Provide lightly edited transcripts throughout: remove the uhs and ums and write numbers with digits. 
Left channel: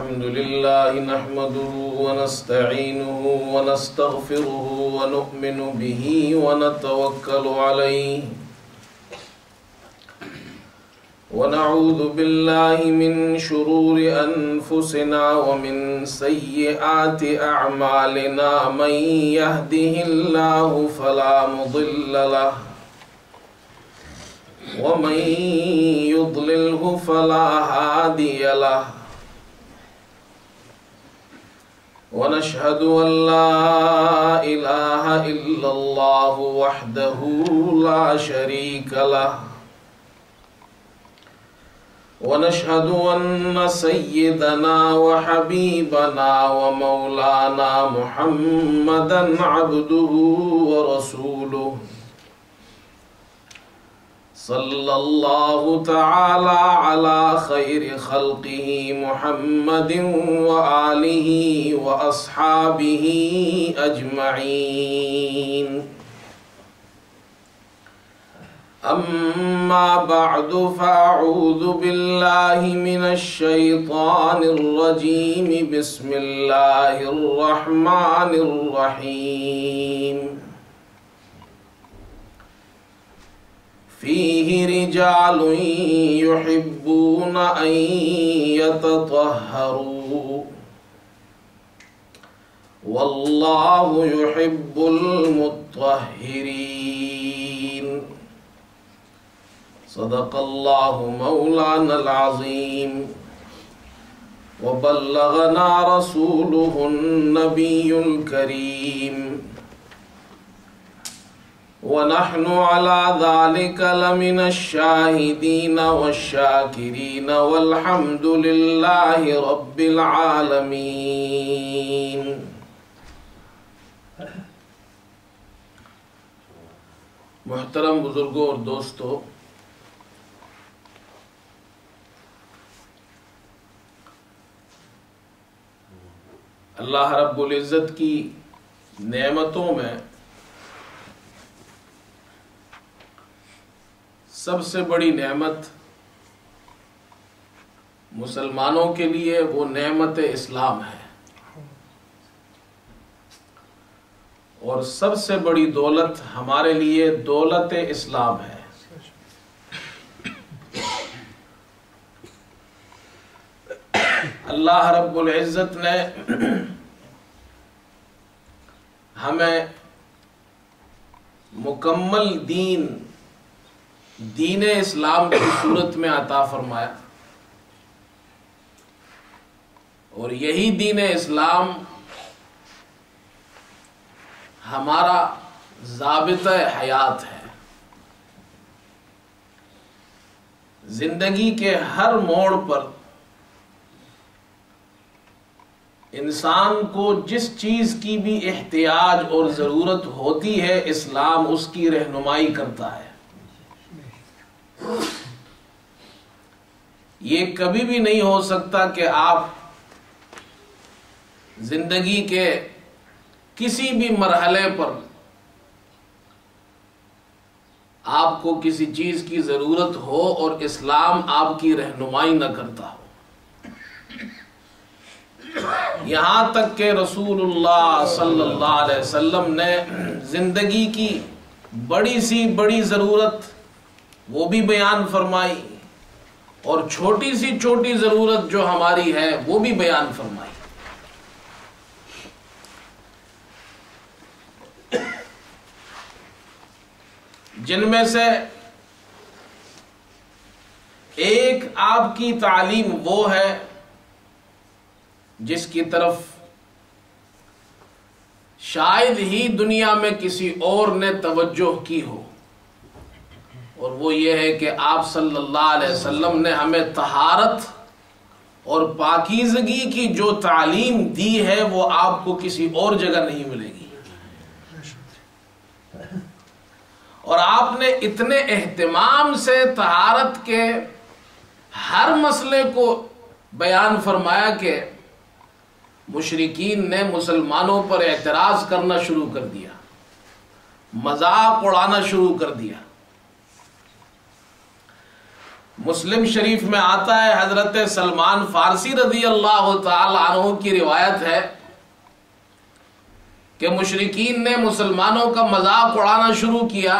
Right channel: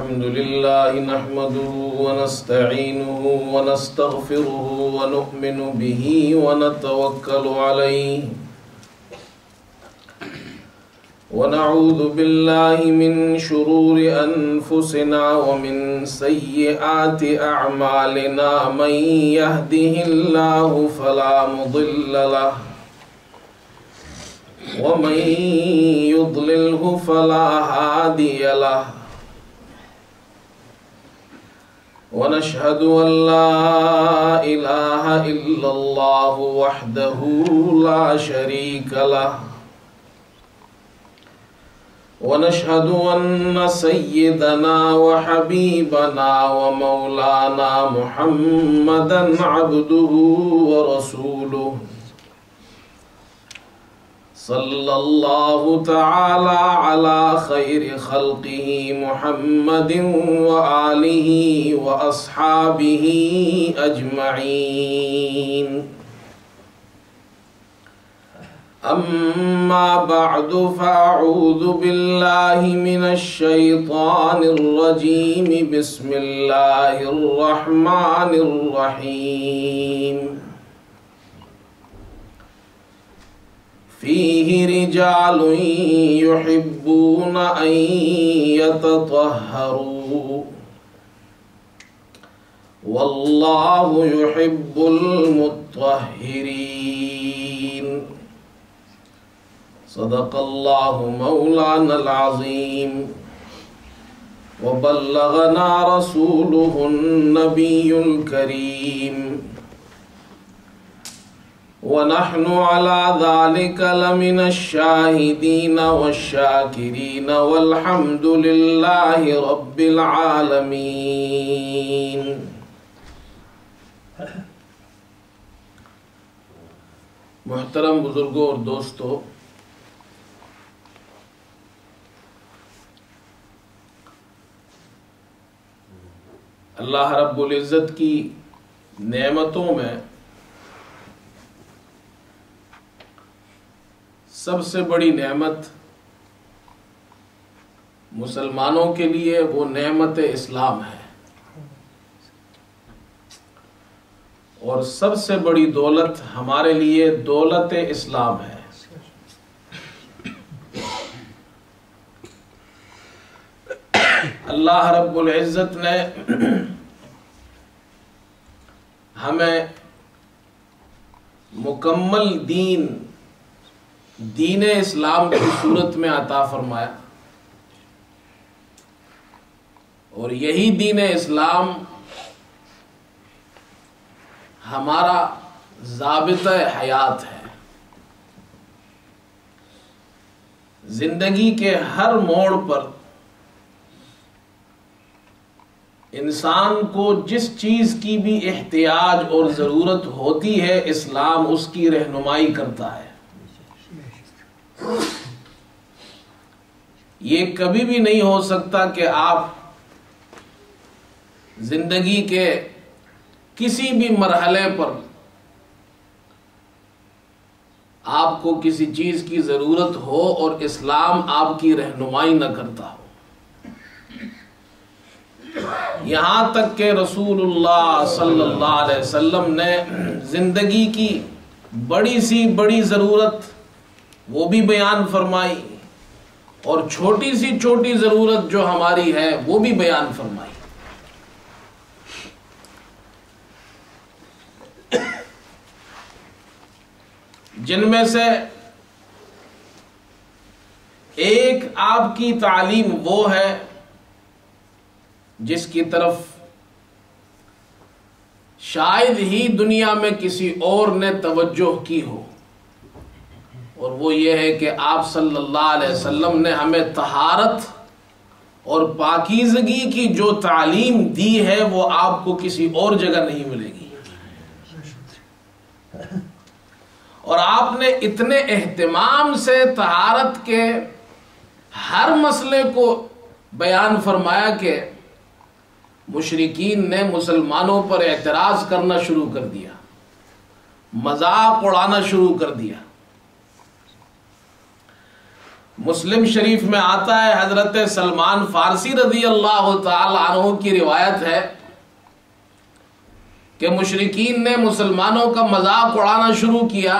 الحمد لله نحمده ونستعينه ونستغفره ونؤمن به ونتوكل عليه ونعوذ بالله من شرور أنفسنا ومن سيئات أعمالنا من يهده الله فلا مضل له ومن يضلله فلا هادي له ونشهد أن لا إله إلا الله وحده لا شريك له ونشهد أن سيدنا وحبيبنا ومولانا محمدا عبده ورسوله صلى الله تعالى على خير خلقه محمد وآله وأصحابه أجمعين أما بعد فأعوذ بالله من الشيطان الرجيم بسم الله الرحمن الرحيم فيه رجال يحبون أن يتطهروا والله يحب المطهرين صدق الله مولانا العظيم وبلغنا رسوله النبي الكريم ونحن على ذلك لمن الشاهدين والشاكرين والحمد لله رب العالمين محترم بزرگوں اور دوستو، اللہ رب العزت کی نعمتوں میں سب سے بڑی نعمت مسلمانوں کے لیے وہ نعمت اسلام ہے، اور سب سے بڑی دولت ہمارے لیے دولت اسلام ہے۔ اللہ رب العزت نے ہمیں مکمل دین اسلام کی صورت میں عطا فرمایا، اور یہی دین اسلام ہمارا ضابطہ حیات ہے۔ زندگی کے ہر موڑ پر انسان کو جس چیز کی بھی احتیاج اور ضرورت ہوتی ہے، اسلام اس کی رہنمائی کرتا ہے۔ یہ کبھی بھی نہیں ہو سکتا کہ آپ زندگی کے کسی بھی مرحلے پر آپ کو کسی چیز کی ضرورت ہو اور اسلام آپ کی رہنمائی نہ کرتا ہو۔ یہاں تک کہ رسول اللہ صلی اللہ علیہ وسلم نے زندگی کی بڑی سی بڑی ضرورت وہ بھی بیان فرمائی، اور چھوٹی سی چھوٹی ضرورت جو ہماری ہے وہ بھی بیان فرمائی۔ جن میں سے ایک آپ کی تعلیم وہ ہے جس کی طرف شاید ہی دنیا میں کسی اور نے توجہ کی ہو، اور وہ یہ ہے کہ آپ صلی اللہ علیہ وسلم نے ہمیں طہارت اور پاکیزگی کی جو تعلیم دی ہے وہ آپ کو کسی اور جگہ نہیں ملے گی، اور آپ نے اتنے اہتمام سے طہارت کے ہر مسئلے کو بیان فرمایا کہ مشرکین نے مسلمانوں پر اعتراض کرنا شروع کر دیا، مذاق اڑانا شروع کر دیا۔ مسلم شریف میں آتا ہے، حضرت سلمان فارسی رضی اللہ تعالی عنہ کی روایت ہے کہ مشرکین نے مسلمانوں کا مذاق اڑانا شروع کیا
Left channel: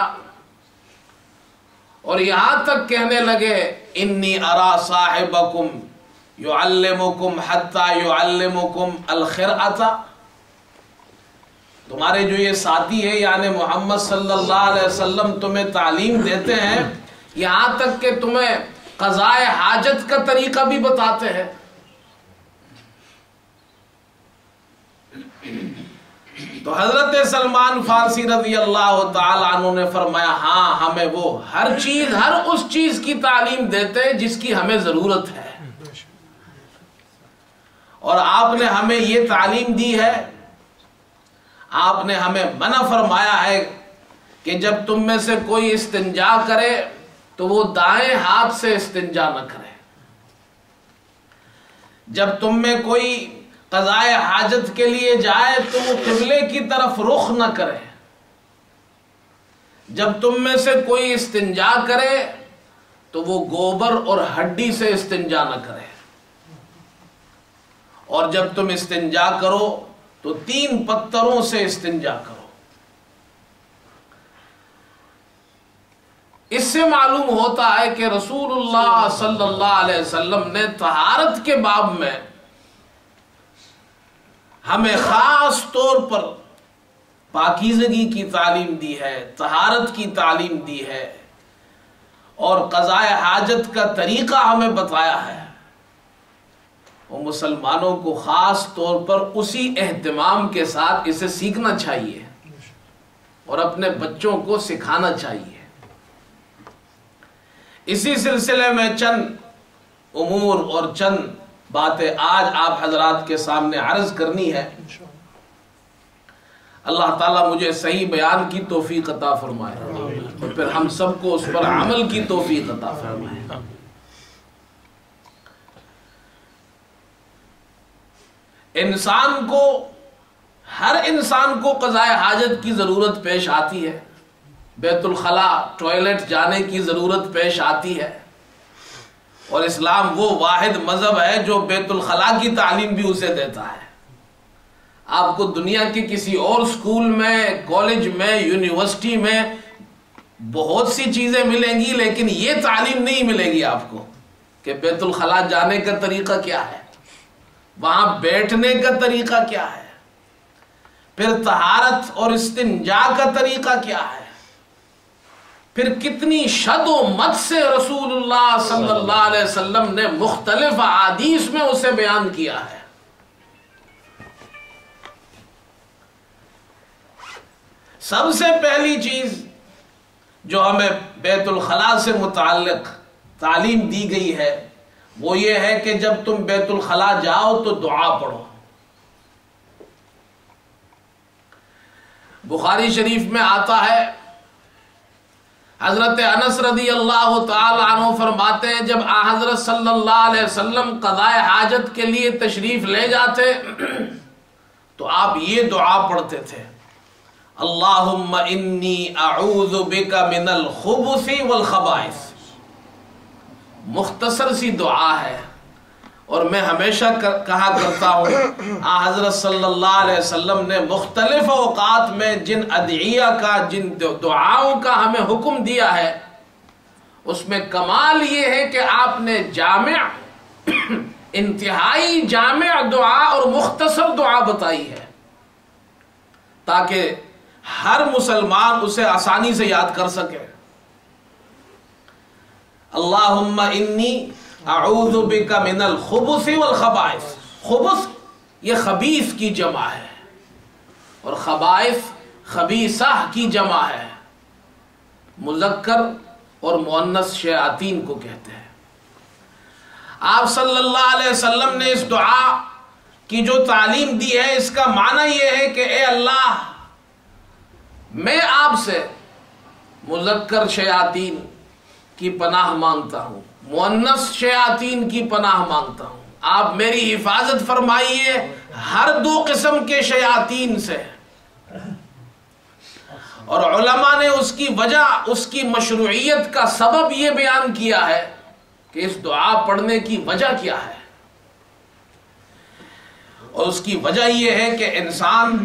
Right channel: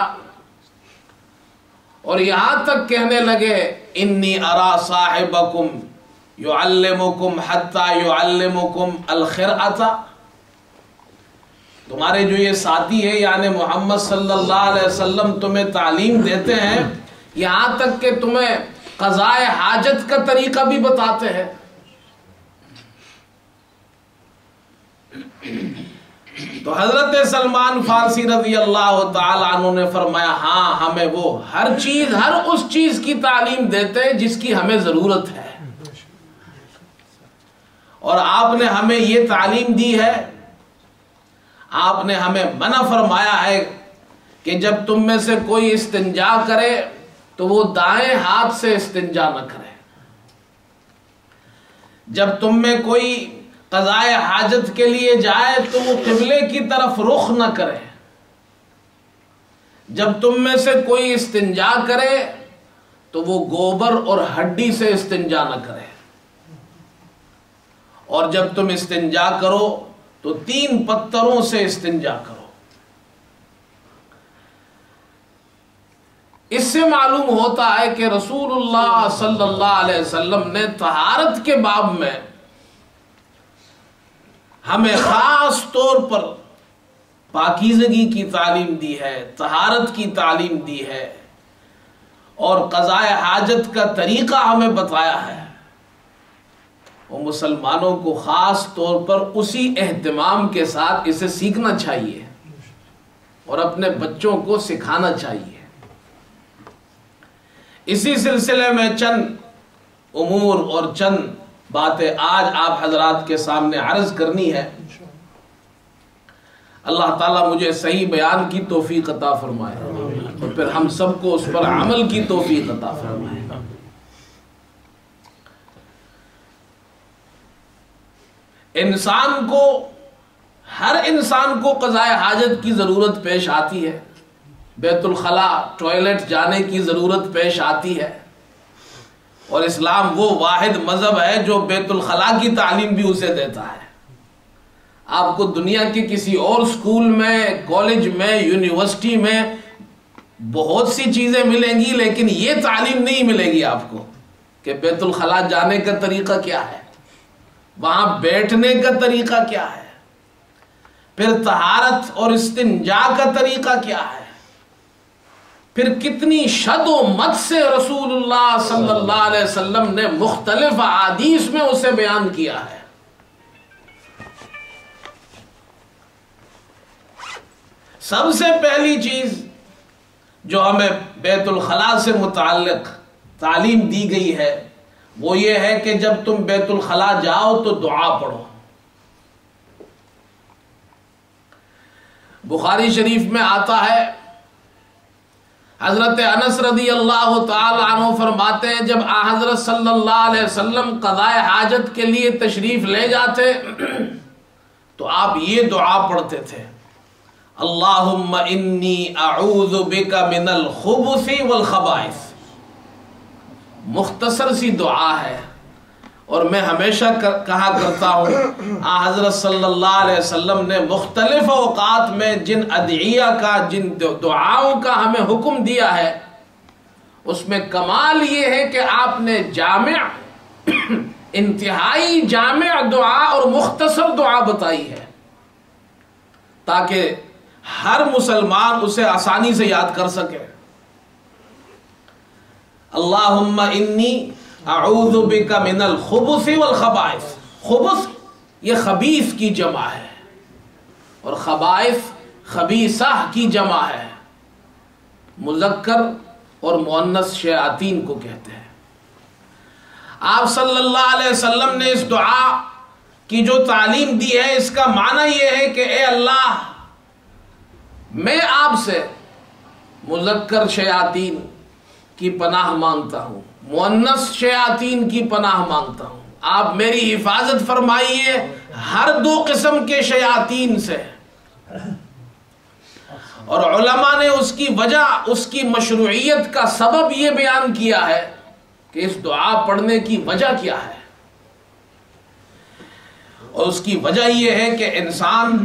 اور یہاں تک کہنے لگے انی ارا صاحبکم یعلمکم حتی یعلمکم الخرعۃ، تمہارے جو یہ ساتھی ہے یعنی محمد صلی اللہ علیہ وسلم تمہیں تعلیم دیتے ہیں، یہاں تک کہ تمہیں قضاء حاجت کا طریقہ بھی بتاتے ہیں۔ تو حضرت سلمان فارسی رضی اللہ تعالی عنہ نے فرمایا ہاں، ہمیں وہ ہر اس چیز کی تعلیم دیتے ہیں جس کی ہمیں ضرورت ہے، اور آپ نے ہمیں یہ تعلیم دی ہے، آپ نے ہمیں منع فرمایا ہے کہ جب تم میں سے کوئی استنجا کرے تو وہ دائیں ہاتھ سے استنجا نہ کرے، جب تم میں کوئی قضاء حاجت کے لیے جائے تو وہ قبلے کی طرف رخ نہ کرے، جب تم میں سے کوئی استنجا کرے تو وہ گوبر اور ہڈی سے استنجا نہ کرے، اور جب تم استنجا کرو تو 3 پتھروں سے استنجا کرو۔ اس سے معلوم ہوتا ہے کہ رسول اللہ صلی اللہ علیہ وسلم نے طہارت کے باب میں ہمیں خاص طور پر پاکیزگی کی تعلیم دی ہے، طہارت کی تعلیم دی ہے، اور قضاء حاجت کا طریقہ ہمیں بتایا ہے۔ وہ مسلمانوں کو خاص طور پر اسی اہتمام کے ساتھ اسے سیکھنا چاہیے اور اپنے بچوں کو سکھانا چاہیے۔ اسی سلسلے میں چند امور اور چند باتیں آج آپ حضرات کے سامنے عرض کرنی ہے۔ اللہ تعالیٰ مجھے صحیح بیان کی توفیق عطا فرمائے اور پھر ہم سب کو اس پر عمل کی توفیق عطا فرمائے۔ ہر انسان کو قضاء حاجت کی ضرورت پیش آتی ہے، بیت الخلاء ٹوائلٹ جانے کی ضرورت پیش آتی ہے، اور اسلام وہ واحد مذہب ہے جو بیت الخلاء کی تعلیم بھی اسے دیتا ہے۔ آپ کو دنیا کے کسی اور سکول میں، کالج میں، یونیورسٹی میں بہت سی چیزیں ملیں گی، لیکن یہ تعلیم نہیں ملے گی آپ کو کہ بیت الخلاء جانے کا طریقہ کیا ہے، وہاں بیٹھنے کا طریقہ کیا ہے، پھر طہارت اور استنجا کا طریقہ کیا ہے، پھر کتنی شد و مت سے رسول اللہ صلی اللہ علیہ وسلم نے مختلف احادیث میں اسے بیان کیا ہے۔ سب سے پہلی چیز جو ہمیں بیت الخلاء سے متعلق تعلیم دی گئی ہے وہ یہ ہے کہ جب تم بیت الخلاء جاؤ تو دعا پڑھو۔ بخاری شریف میں آتا ہے، حضرت انس رضی اللہ تعالی عنہ فرماتے ہیں جب حضرت صلی اللہ علیہ وسلم قضاء حاجت کے لیے تشریف لے جاتے تو آپ یہ دعا پڑھتے تھے، اللہم انی اعوذ بک من الخبث والخبائث۔ مختصر سی دعا ہے، اور میں ہمیشہ کہا کرتا ہوں حضرت صلی اللہ علیہ وسلم نے مختلف اوقات میں جن ادعیہ کا، جن دعاؤں کا ہمیں حکم دیا ہے، اس میں کمال یہ ہے کہ آپ نے جامع، انتہائی جامع دعا اور مختصر دعا بتائی ہے تاکہ ہر مسلمان اسے آسانی سے یاد کر سکے۔ اللہم انی اعوذ بک من الخبث والخبائث۔ خبث یہ خبیث کی جمع ہے، اور خبائث خبیثہ کی جمع ہے، مذکر اور مؤنث شیاطین کو کہتے ہیں۔ آپ صلی اللہ علیہ وسلم نے اس دعا کی جو تعلیم دی ہے اس کا معنی یہ ہے کہ اے اللہ، میں آپ سے مذکر شیاطین کی پناہ مانگتا ہوں، مؤنث شیاطین کی پناہ مانگتا ہوں، آپ میری حفاظت فرمائیے ہر 2 قسم کے شیاطین سے۔ اور علماء نے اس کی وجہ، اس کی مشروعیت کا سبب یہ بیان کیا ہے کہ اس دعا پڑھنے کی وجہ کیا ہے، اور اس کی وجہ یہ ہے کہ انسان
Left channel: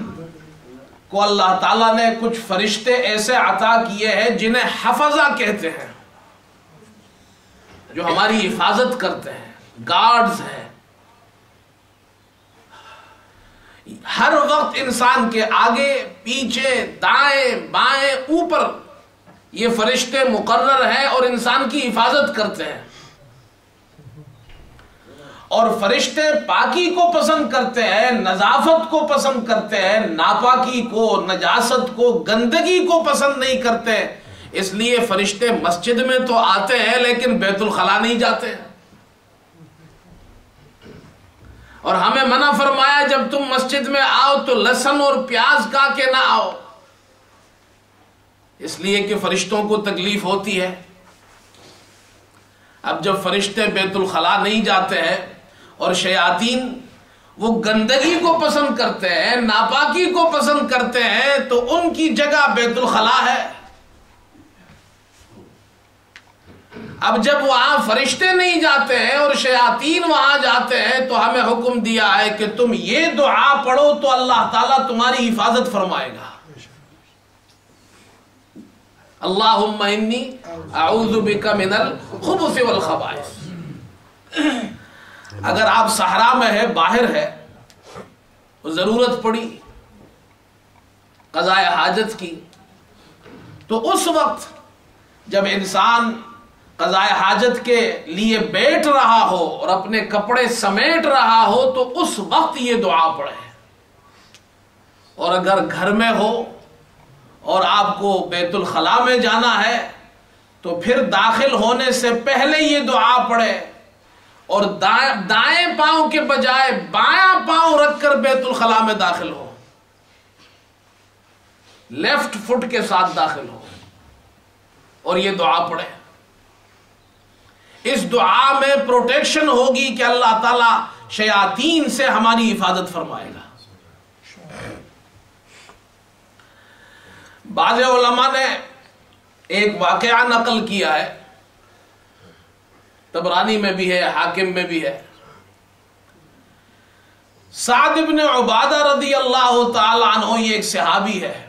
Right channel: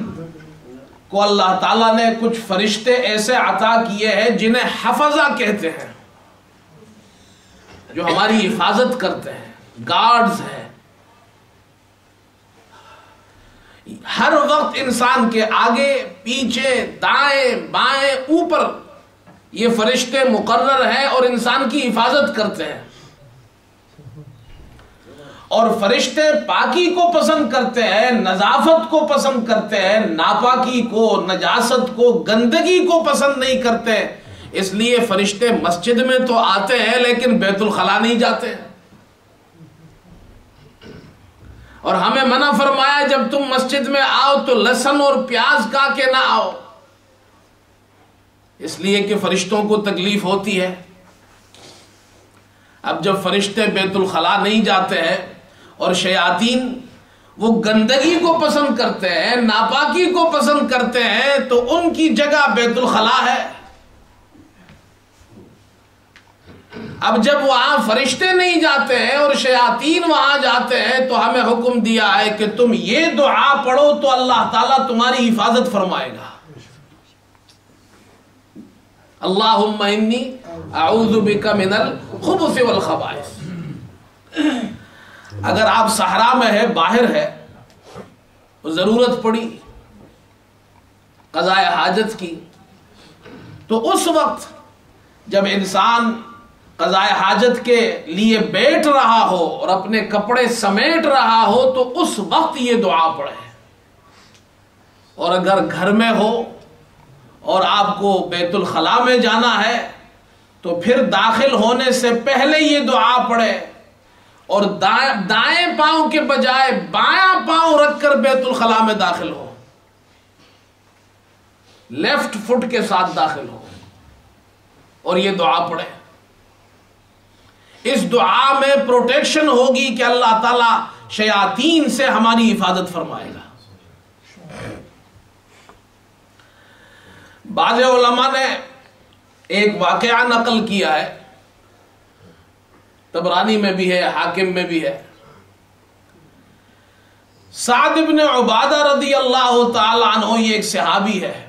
کو اللہ تعالیٰ نے کچھ فرشتے ایسے عطا کیے ہیں جنہیں حفظہ کہتے ہیں، جو ہماری حفاظت کرتے ہیں، گارڈز ہیں۔ ہر وقت انسان کے آگے پیچھے دائیں بائیں اوپر یہ فرشتے مقرر ہیں اور انسان کی حفاظت کرتے ہیں، اور فرشتے پاکی کو پسند کرتے ہیں، نظافت کو پسند کرتے ہیں، ناپاکی کو، نجاست کو، گندگی کو پسند نہیں کرتے۔ اس لیے فرشتے مسجد میں تو آتے ہیں لیکن بیت الخلا نہیں جاتے ہیں، اور ہمیں منع فرمایا جب تم مسجد میں آؤ تو لہسن اور پیاز کھا کے نہ آؤ، اس لیے کہ فرشتوں کو تکلیف ہوتی ہے۔ اب جب فرشتے بیت الخلا نہیں جاتے ہیں اور شیاطین وہ گندگی کو پسند کرتے ہیں، ناپاکی کو پسند کرتے ہیں، تو ان کی جگہ بیت الخلا ہے۔ اب جب وہاں فرشتے نہیں جاتے ہیں اور شیاطین وہاں جاتے ہیں تو ہمیں حکم دیا ہے کہ تم یہ دعا پڑھو تو اللہ تعالیٰ تمہاری حفاظت فرمائے گا۔ اللہم انی اعوذ بک من الخبث والخبائث۔ اگر آپ صحرا میں ہے، باہر ہے، ضرورت پڑی قضاء حاجت کی، تو اس وقت جب انسان قضاء حاجت کے لیے بیٹھ رہا ہو اور اپنے کپڑے سمیٹ رہا ہو تو اس وقت یہ دعا پڑھے، اور اگر گھر میں ہو اور آپ کو بیت الخلا میں جانا ہے تو پھر داخل ہونے سے پہلے یہ دعا پڑھے، اور دائیں پاؤں کے بجائے بایاں پاؤں رکھ کر بیت الخلا میں داخل ہو، لیفٹ فٹ کے ساتھ داخل ہو اور یہ دعا پڑھے۔ اس دعا میں پروٹیکشن ہوگی کہ اللہ تعالیٰ شیاطین سے ہماری حفاظت فرمائے گا۔ بعض علماء نے ایک واقعہ نقل کیا ہے، طبرانی میں بھی ہے، حاکم میں بھی ہے۔ سعد بن عبادہ رضی اللہ تعالی عنہ، یہ ایک صحابی ہے،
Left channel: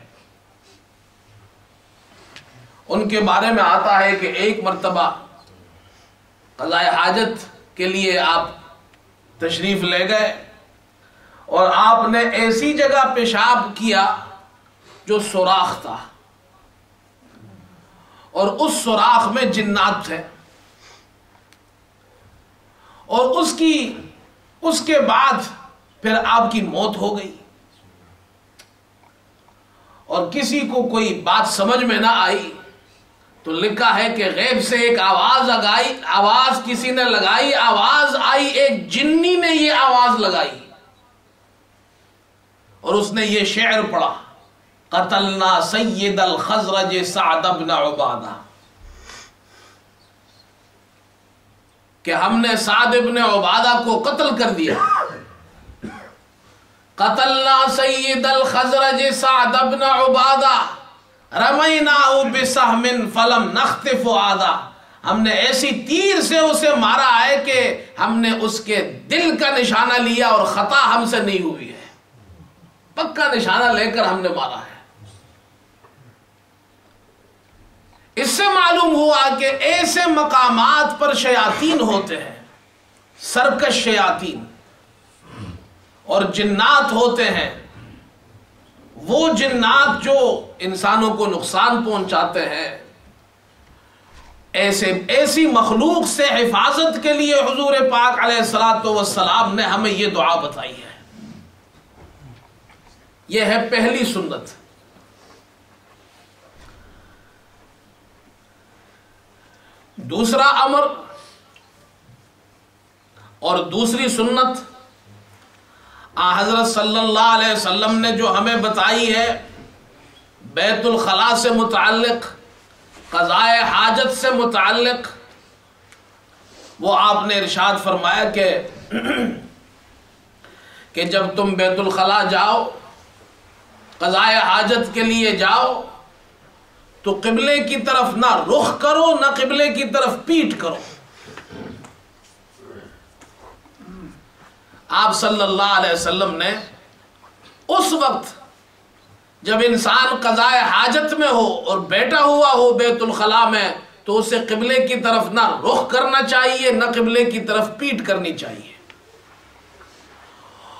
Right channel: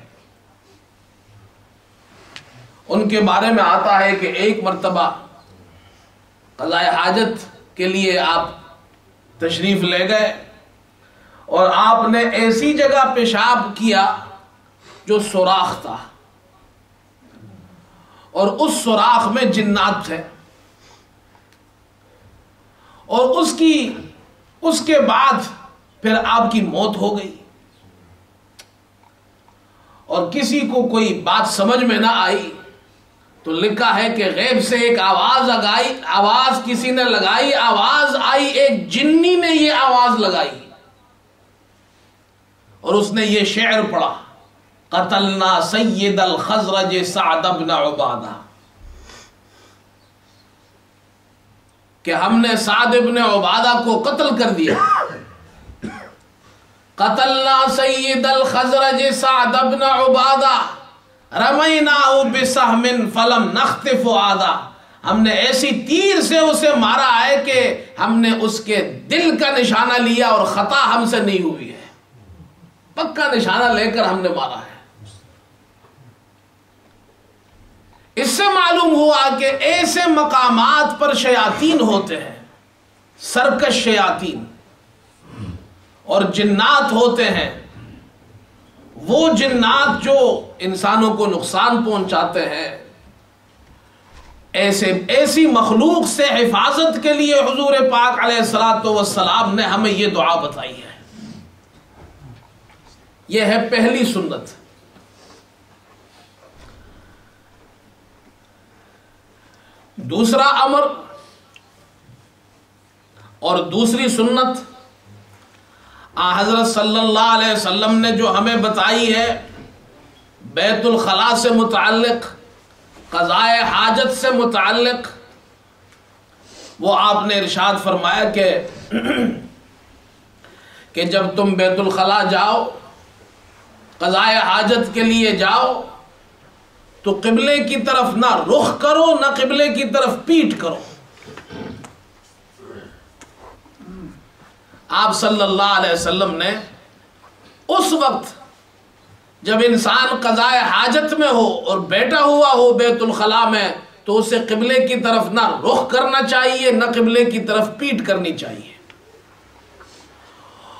ان کے بارے میں آتا ہے کہ ایک مرتبہ قضاء حاجت کے لیے آپ تشریف لے گئے اور آپ نے ایسی جگہ پیشاب کیا جو سوراخ تھا، اور اس سوراخ میں جنات تھے، اور اس کے بعد پھر آپ کی موت ہو گئی، اور کسی کو کوئی بات سمجھ میں نہ آئی تو لکھا ہے کہ غیب سے ایک آواز کسی نے لگائی، آواز آئی، ایک جنی نے یہ آواز لگائی، اور اس نے یہ شعر پڑھا، قتلنا سید الخزرج سعد بن عبادہ، کہ ہم نے سعد بن عبادہ کو قتل کر دیا۔ قتلنا سید الخزرج سعد بن عبادہ رمیناہ بسہم فلم نخطف فؤادا، ہم نے ایسی تیر سے اسے مارا ہے کہ ہم نے اس کے دل کا نشانہ لیا اور خطا ہم سے نہیں ہوئی ہے، پکا نشانہ لے کر ہم نے مارا ہے۔ اس سے معلوم ہوا کہ ایسے مقامات پر شیاطین ہوتے ہیں، سرکش شیاطین، اور جنات ہوتے ہیں، وہ جنات جو انسانوں کو نقصان پہنچاتے ہیں۔ ایسی مخلوق سے حفاظت کے لیے حضور پاک علیہ الصلوۃ والسلام نے ہمیں یہ دعا بتائی ہے۔ یہ ہے پہلی سنت۔ دوسرا امر اور دوسری سنت حضرت صلی اللہ علیہ وسلم نے جو ہمیں بتائی ہے بیت الخلا سے متعلق، قضاء حاجت سے متعلق، وہ آپ نے ارشاد فرمایا کہ جب تم بیت الخلا جاؤ، قضاء حاجت کے لیے جاؤ، تو قبلے کی طرف نہ رخ کرو نہ قبلے کی طرف پیٹ کرو، آپ صلی اللہ علیہ وسلم نے اس وقت جب انسان قضاء حاجت میں ہو اور بیٹھا ہوا ہو بیت الخلاء میں تو اسے قبلے کی طرف نہ رخ کرنا چاہیے نہ قبلے کی طرف پیٹ کرنی چاہیے.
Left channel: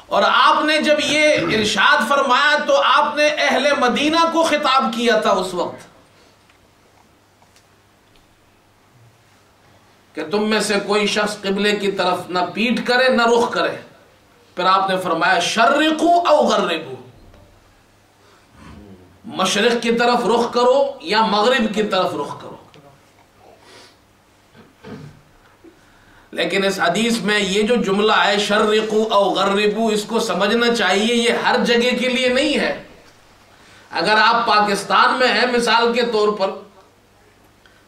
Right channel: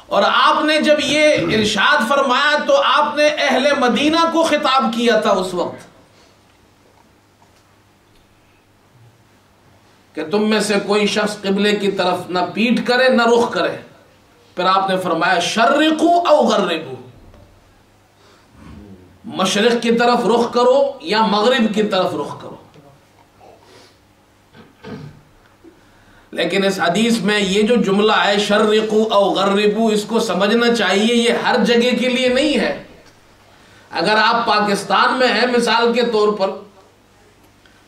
اور آپ نے جب یہ ارشاد فرمایا تو آپ نے اہل مدینہ کو خطاب کیا تھا اس وقت کہ تم میں سے کوئی شخص قبلے کی طرف نہ پیٹ کرے نہ رخ کرے. پھر آپ نے فرمایا شرقو او غربو، مشرق کی طرف رخ کرو یا مغرب کی طرف رخ کرو. لیکن اس حدیث میں یہ جو جملہ ہے شرقو او غربو، اس کو سمجھنا چاہیے یہ ہر جگہ کے لیے نہیں ہے. اگر آپ پاکستان میں ہیں مثال کے طور پر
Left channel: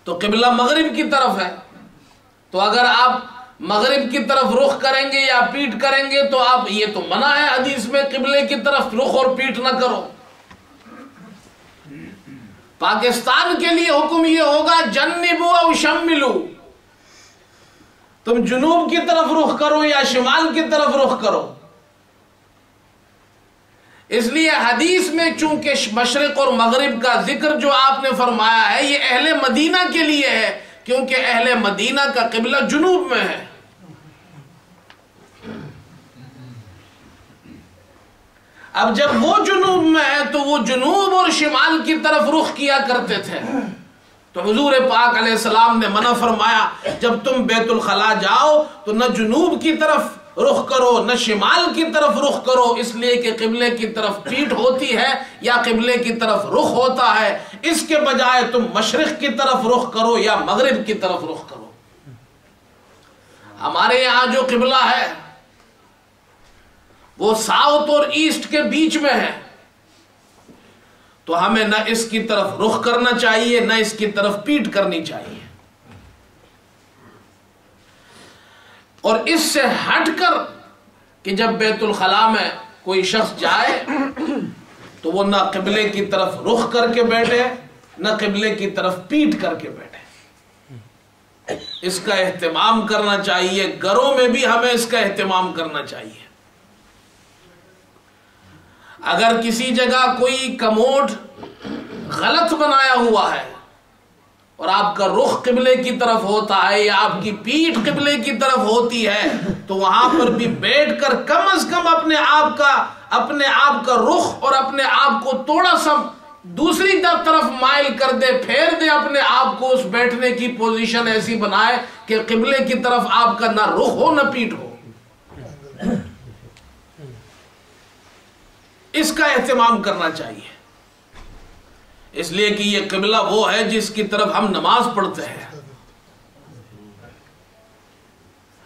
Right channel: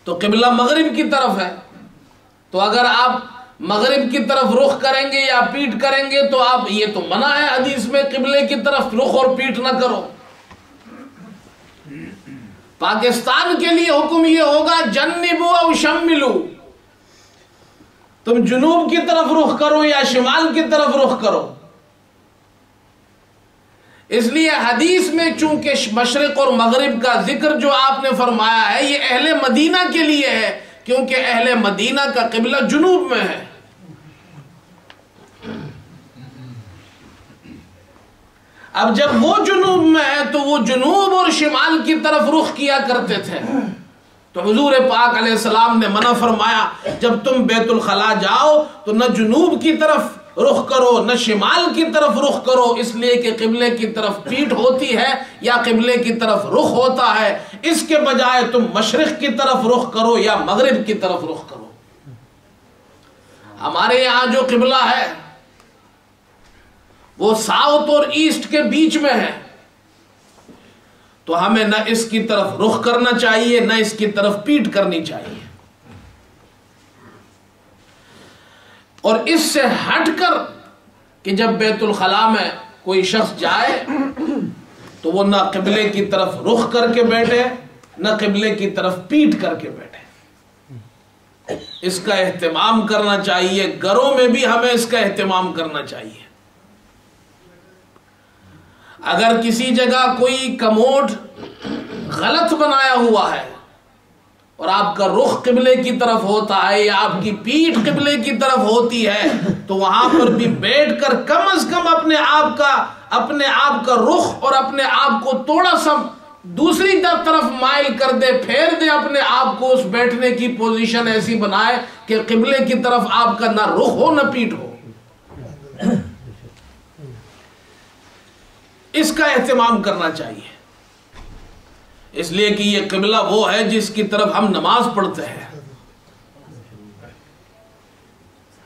تو قبلہ مغرب کی طرف ہے، تو اگر آپ مغرب کی طرف رخ کریں گے یا پیٹ کریں گے تو آپ یہ تو منع ہے حدیث میں قبلے کی طرف رخ اور پیٹ نہ کرو. پاکستان کے لیے حکم یہ ہوگا جنبو او شملو، تم جنوب کی طرف رخ کرو یا شمال کی طرف رخ کرو. اس لیے حدیث میں چونکہ مشرق اور مغرب کا ذکر جو آپ نے فرمایا ہے یہ اہل مدینہ کے لیے ہے، کیونکہ اہل مدینہ کا قبلہ جنوب میں ہے. اب جب وہ جنوب میں ہے تو وہ جنوب اور شمال کی طرف رخ کیا کرتے تھے. تو حضور پاک علیہ السلام نے منع فرمایا جب تم بیت الخلاء جاؤ تو نہ جنوب کی طرف رخ کرو نہ شمال کی طرف رخ کرو، اس لیے کہ قبلے کی طرف پیٹھ ہوتی ہے یا قبلے کی طرف رخ ہوتا ہے. اس کے بجائے تم مشرق کی طرف رخ کرو یا مغرب کی طرف رخ کرو. ہمارے یہاں جو قبلہ ہے وہ ساؤتھ اور ایسٹ کے بیچ میں ہے، تو ہمیں نہ اس کی طرف رخ کرنا چاہیے نہ اس کی طرف پیٹ کرنی چاہیے. اور اس سے ہٹ کر کہ جب بیت الخلاء میں کوئی شخص جائے تو وہ نہ قبلے کی طرف رخ کر کے بیٹھے نہ قبلے کی طرف پیٹ کر کے بیٹھے. اس کا اہتمام کرنا چاہیے. گھروں میں بھی ہمیں اس کا اہتمام کرنا چاہیے. اگر کسی جگہ کوئی کموڈ غلط بنایا ہوا ہے اور آپ کا رخ قبلے کی طرف ہوتا ہے یا آپ کی پیٹھ قبلے کی طرف ہوتی ہے تو وہاں پر بھی بیٹھ کر کم از کم اپنے آپ کا رخ اور اپنے آپ کو تھوڑا سا دوسری طرف مائل کر دے، پھیر دے اپنے آپ کو. اس بیٹھنے کی پوزیشن ایسی بنائے کہ قبلے کی طرف آپ کا نہ رخ ہو نہ پیٹھ ہو. اس کا اہتمام کرنا چاہیے، اس لیے کہ یہ قبلہ وہ ہے جس کی طرف ہم نماز پڑھتے ہیں.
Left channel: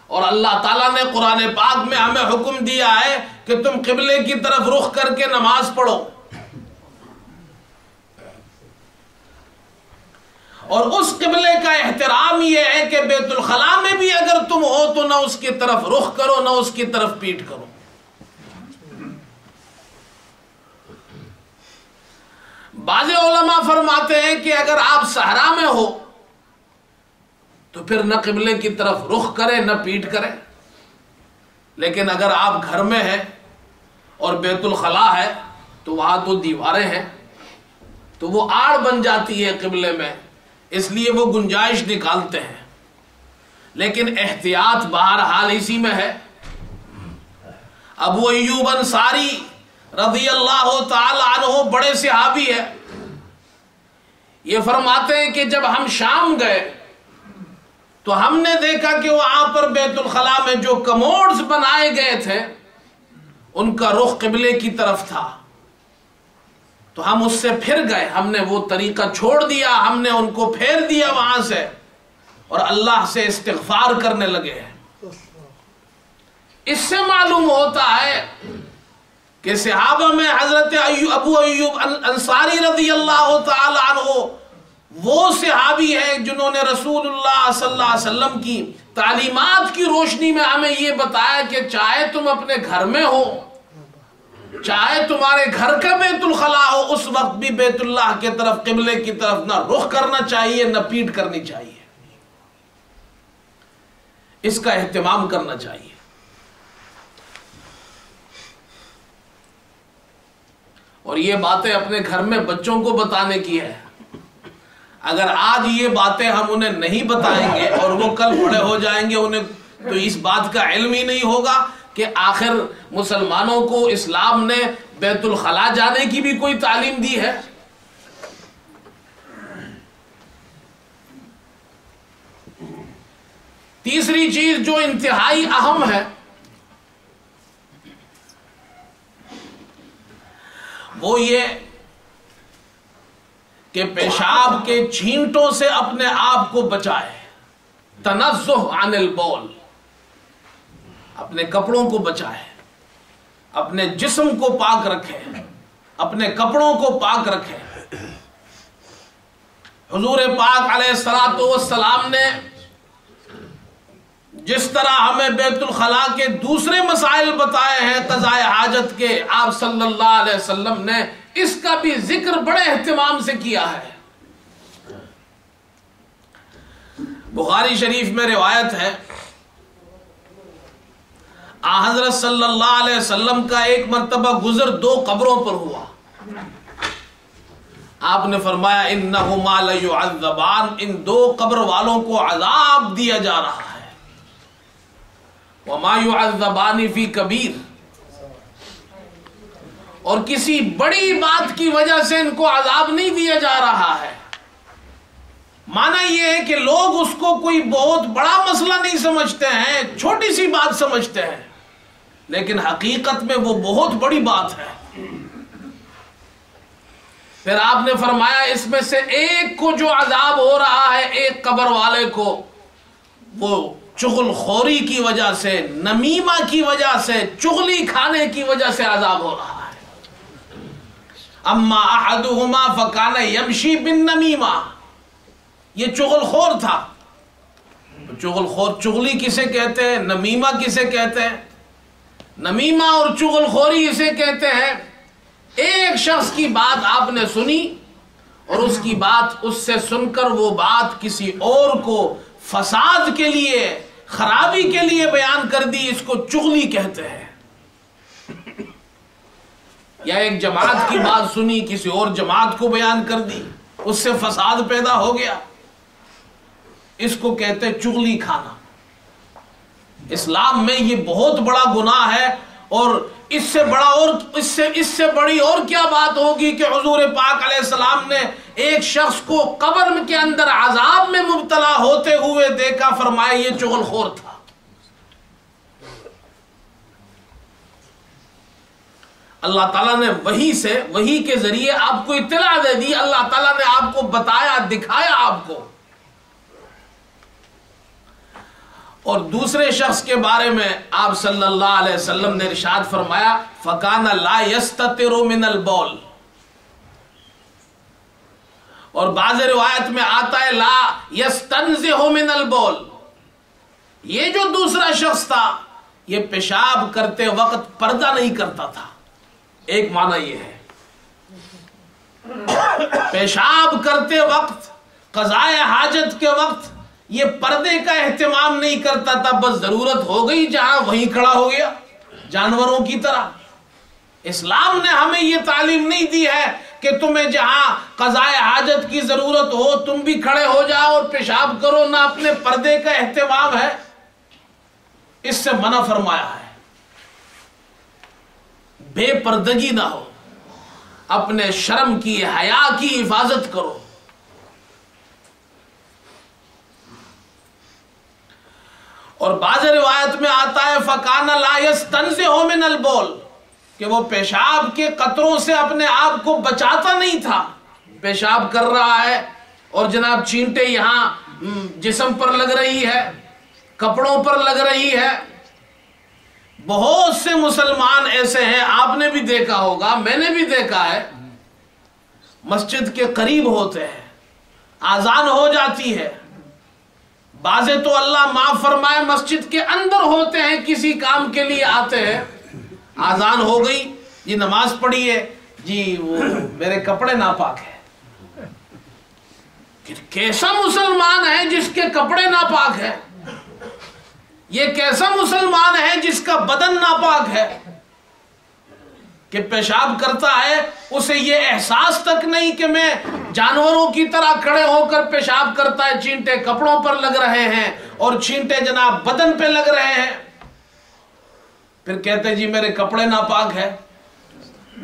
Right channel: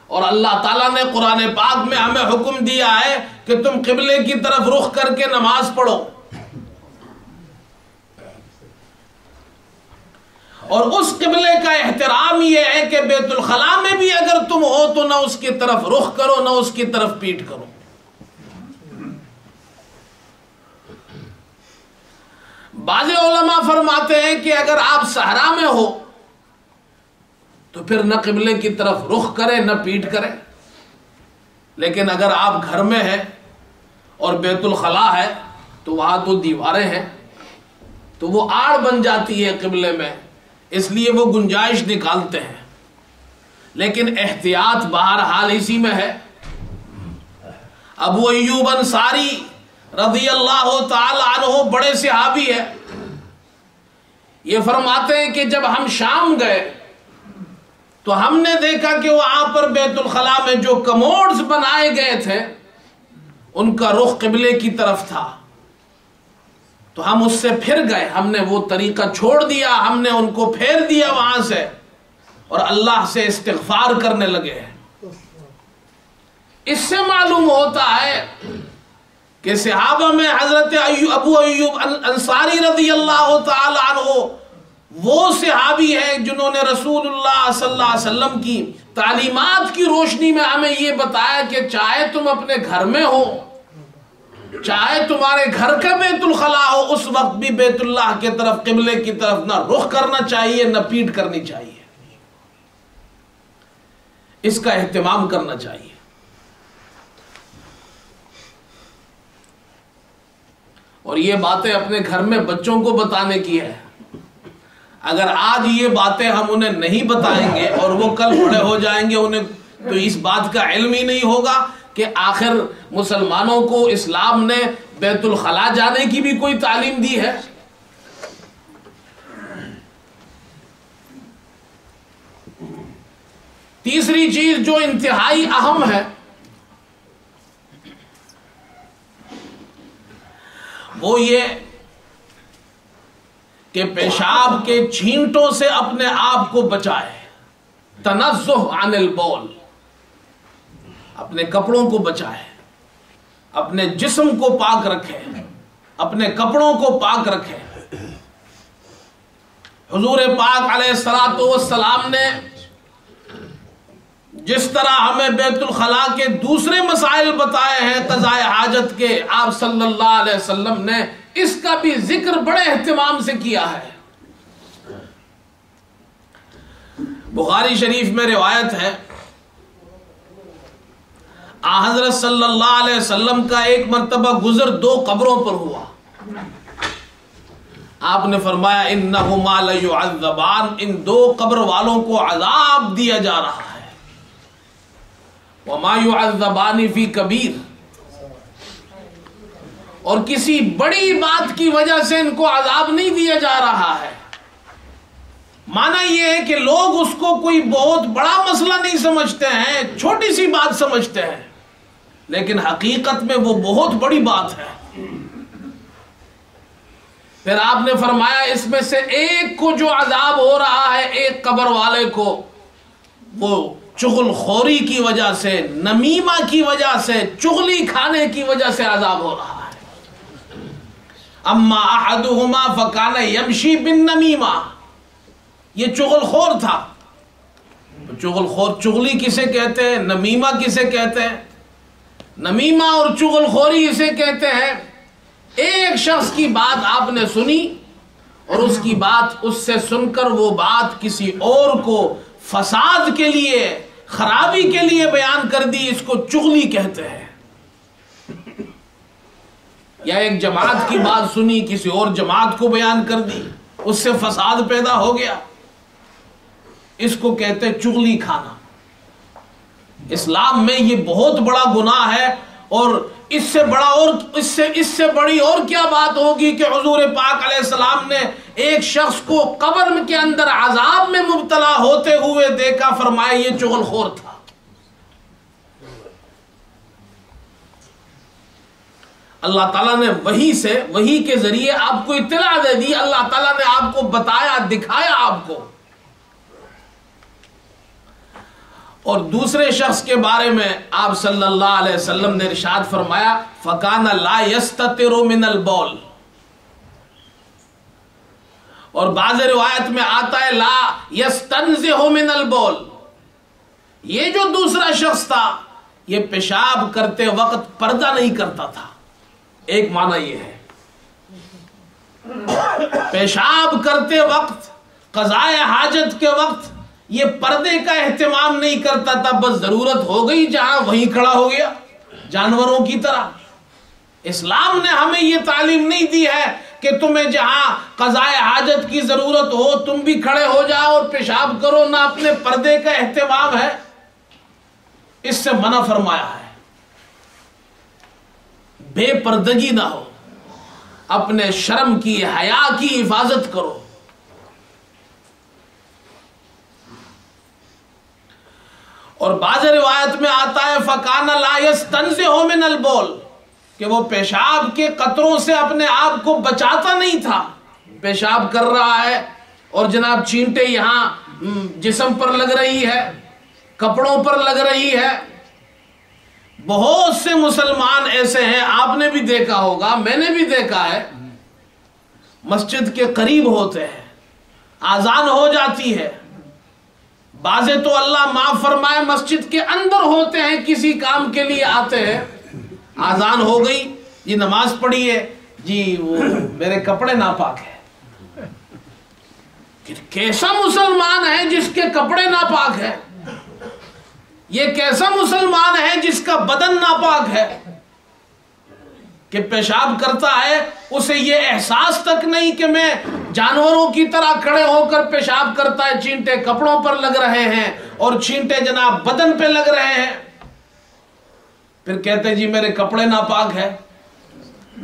اور اللہ تعالیٰ نے قرآن پاک میں ہمیں حکم دیا ہے کہ تم قبلے کی طرف رخ کر کے نماز پڑھو. اور اس قبلے کا احترام یہ ہے کہ بیت الخلاء میں بھی اگر تم ہو تو نہ اس کی طرف رخ کرو نہ اس کی طرف پیٹ کرو. بعض علماء فرماتے ہیں کہ اگر آپ صحرا میں ہو تو پھر نہ قبلے کی طرف رخ کرے نہ پیٹ کرے. لیکن اگر آپ گھر میں ہیں اور بیت الخلاء ہے تو وہاں تو دیواریں ہیں تو وہ آڑ بن جاتی ہے قبلے میں، اس لیے وہ گنجائش نکالتے ہیں. لیکن احتیاط بہرحال اسی میں ہے. ابو ایوب انصاری رضی اللہ تعالی عنہ بڑے صحابی ہے، یہ فرماتے ہیں کہ جب ہم شام گئے تو ہم نے دیکھا کہ وہاں پر بیت الخلاء میں جو کموڈز بنائے گئے تھے ان کا رخ قبلے کی طرف تھا. تو ہم اس سے پھر گئے، ہم نے وہ طریقہ چھوڑ دیا، ہم نے ان کو پھیر دیا وہاں سے اور اللہ سے استغفار کرنے لگے. اس سے معلوم ہوتا ہے کہ صحابہ میں حضرت ابو ایوب انصاری رضی اللہ تعالی عنہ وہ صحابی ہیں جنہوں نے رسول اللہ صلی اللہ علیہ وسلم کی تعلیمات کی روشنی میں ہمیں یہ بتایا کہ چاہے تم اپنے گھر میں ہو، چاہے تمہارے گھر کا بیت الخلاء ہو، اس وقت بھی بیت اللہ کی طرف قبلے کی طرف نہ رخ کرنا چاہیے نہ پیٹ کرنی چاہیے. اس کا اہتمام کرنا چاہیے. اور یہ باتیں اپنے گھر میں بچوں کو بتانے کی ہے. اگر آج یہ باتیں ہم انہیں نہیں بتائیں گے اور وہ کل بڑے ہو جائیں گے, انہیں تو اس بات کا علم ہی نہیں ہوگا کہ آخر مسلمانوں کو اسلام نے بیت الخلا جانے کی بھی کوئی تعلیم دی ہے. تیسری چیز جو انتہائی اہم ہے وہ یہ کہ پیشاب کے چھینٹوں سے اپنے آپ کو بچائے. تنزہ عن البول, اپنے کپڑوں کو بچائے, اپنے جسم کو پاک رکھے, اپنے کپڑوں کو پاک رکھے. حضور پاک علیہ الصلوۃ والسلام نے جس طرح ہمیں بیت الخلا کے دوسرے مسائل بتائے ہیں قضاء حاجت کے, آپ صلی اللہ علیہ وسلم نے اس کا بھی ذکر بڑے اہتمام سے کیا ہے. بخاری شریف میں روایت ہے, حضرت صلی اللہ علیہ وسلم کا ایک مرتبہ گزر 2 قبروں پر ہوا. آپ نے فرمایا انہما لیعذبان, ان 2 قبر والوں کو عذاب دیا جا رہا ہے. وما يعذبان فی کبیر, اور کسی بڑی بات کی وجہ سے ان کو عذاب نہیں دیا جا رہا ہے. معنی یہ ہے کہ لوگ اس کو کوئی بہت بڑا مسئلہ نہیں سمجھتے ہیں, چھوٹی سی بات سمجھتے ہیں, لیکن حقیقت میں وہ بہت بڑی بات ہے. پھر آپ نے فرمایا اس میں سے ایک کو جو عذاب ہو رہا ہے, ایک قبر والے کو, وہ چغل خوری کی وجہ سے, نمیمہ کی وجہ سے, چغلی کھانے کی وجہ سے عذاب ہو رہا ہے. اما احدہما فکان یمشی بالنمیمہ, یہ چغل خور تھا. چغل خور, چغلی کسے کہتے ہیں, نمیمہ کسے کہتے ہیں؟ نمیمہ اور چغل خوری اسے کہتے ہیں ایک شخص کی بات آپ نے سنی اور اس کی بات, اس سے سن کر وہ بات کسی اور کو فساد کے لیے, خرابی کے لیے بیان کر دی, اس کو چغلی کہتے ہیں. یا ایک جماعت کی بات سنی, کسی اور جماعت کو بیان کر دی, اس سے فساد پیدا ہو گیا, اس کو کہتے ہیں چغلی کھانا. اسلام میں یہ بہت بڑا گناہ ہے, اور اس سے بڑا اور اس سے بڑی اور کیا بات ہوگی کہ حضور پاک علیہ السلام نے ایک شخص کو قبر کے اندر عذاب میں مبتلا ہوتے ہوئے دیکھا, فرمایا یہ چغل خور تھا. اللہ تعالیٰ نے وحی کے ذریعے آپ کو اطلاع دے دی, اللہ تعالیٰ نے آپ کو بتایا, دکھایا آپ کو. اور دوسرے شخص کے بارے میں آپ صلی اللہ علیہ وسلم نے ارشاد فرمایا فَكَانَ لَا يَسْتَتِرُ مِنَ الْبَوْلِ, اور بعض روایت میں آتا ہے لا يَسْتَنزِهُ مِنَ الْبَوْلِ. یہ جو دوسرا شخص تھا یہ پیشاب کرتے وقت پردہ نہیں کرتا تھا. ایک معنی یہ ہے, پیشاب کرتے وقت, قضاء حاجت کے وقت یہ پردے کا اہتمام نہیں کرتا تھا, بس ضرورت ہو گئی جہاں وہیں کھڑا ہو گیا جانوروں کی طرح. اسلام نے ہمیں یہ تعلیم نہیں دی ہے کہ تمہیں جہاں قضاء حاجت کی ضرورت ہو تم بھی کھڑے ہو جاؤ اور پیشاب کرو, نہ اپنے پردے کا اہتمام ہے, اس سے منع فرمایا ہے. بے پردگی نہ ہو, اپنے شرم کی, حیا کی حفاظت کرو. اور بعض روایت میں آتا ہے فَكَانَ لَا يَسْتَنزِهُ مِنَ الْبَوْلِ, کہ وہ پیشاب کے قطروں سے اپنے آپ کو بچاتا نہیں تھا. پیشاب کر رہا ہے اور جناب چینٹے یہاں جسم پر لگ رہی ہے, کپڑوں پر لگ رہی ہے. بہت سے مسلمان ایسے ہیں, آپ نے بھی دیکھا ہوگا, میں نے بھی دیکھا ہے, مسجد کے قریب ہوتے ہیں, اذان ہو جاتی ہے, بعضے تو اللہ معاف فرمائے مسجد کے اندر ہوتے ہیں, کسی کام کے لیے آتے ہیں, اذان ہو گئی, جی نماز پڑھی ہے, جی وہ میرے کپڑے ناپاک ہیں. کیسا مسلمان ہے جس کے کپڑے ناپاک ہیں؟ یہ کیسا مسلمان ہے جس کا بدن ناپاک ہے؟ کہ پیشاب کرتا ہے اسے یہ احساس تک نہیں کہ میں جانوروں کی طرح کھڑے ہو کر پیشاب کرتا ہے، چینٹے کپڑوں پر لگ رہے ہیں اور چینٹے جناب بدن پہ لگ رہے ہیں، پھر کہتے جی میرے کپڑے ناپاک ہے۔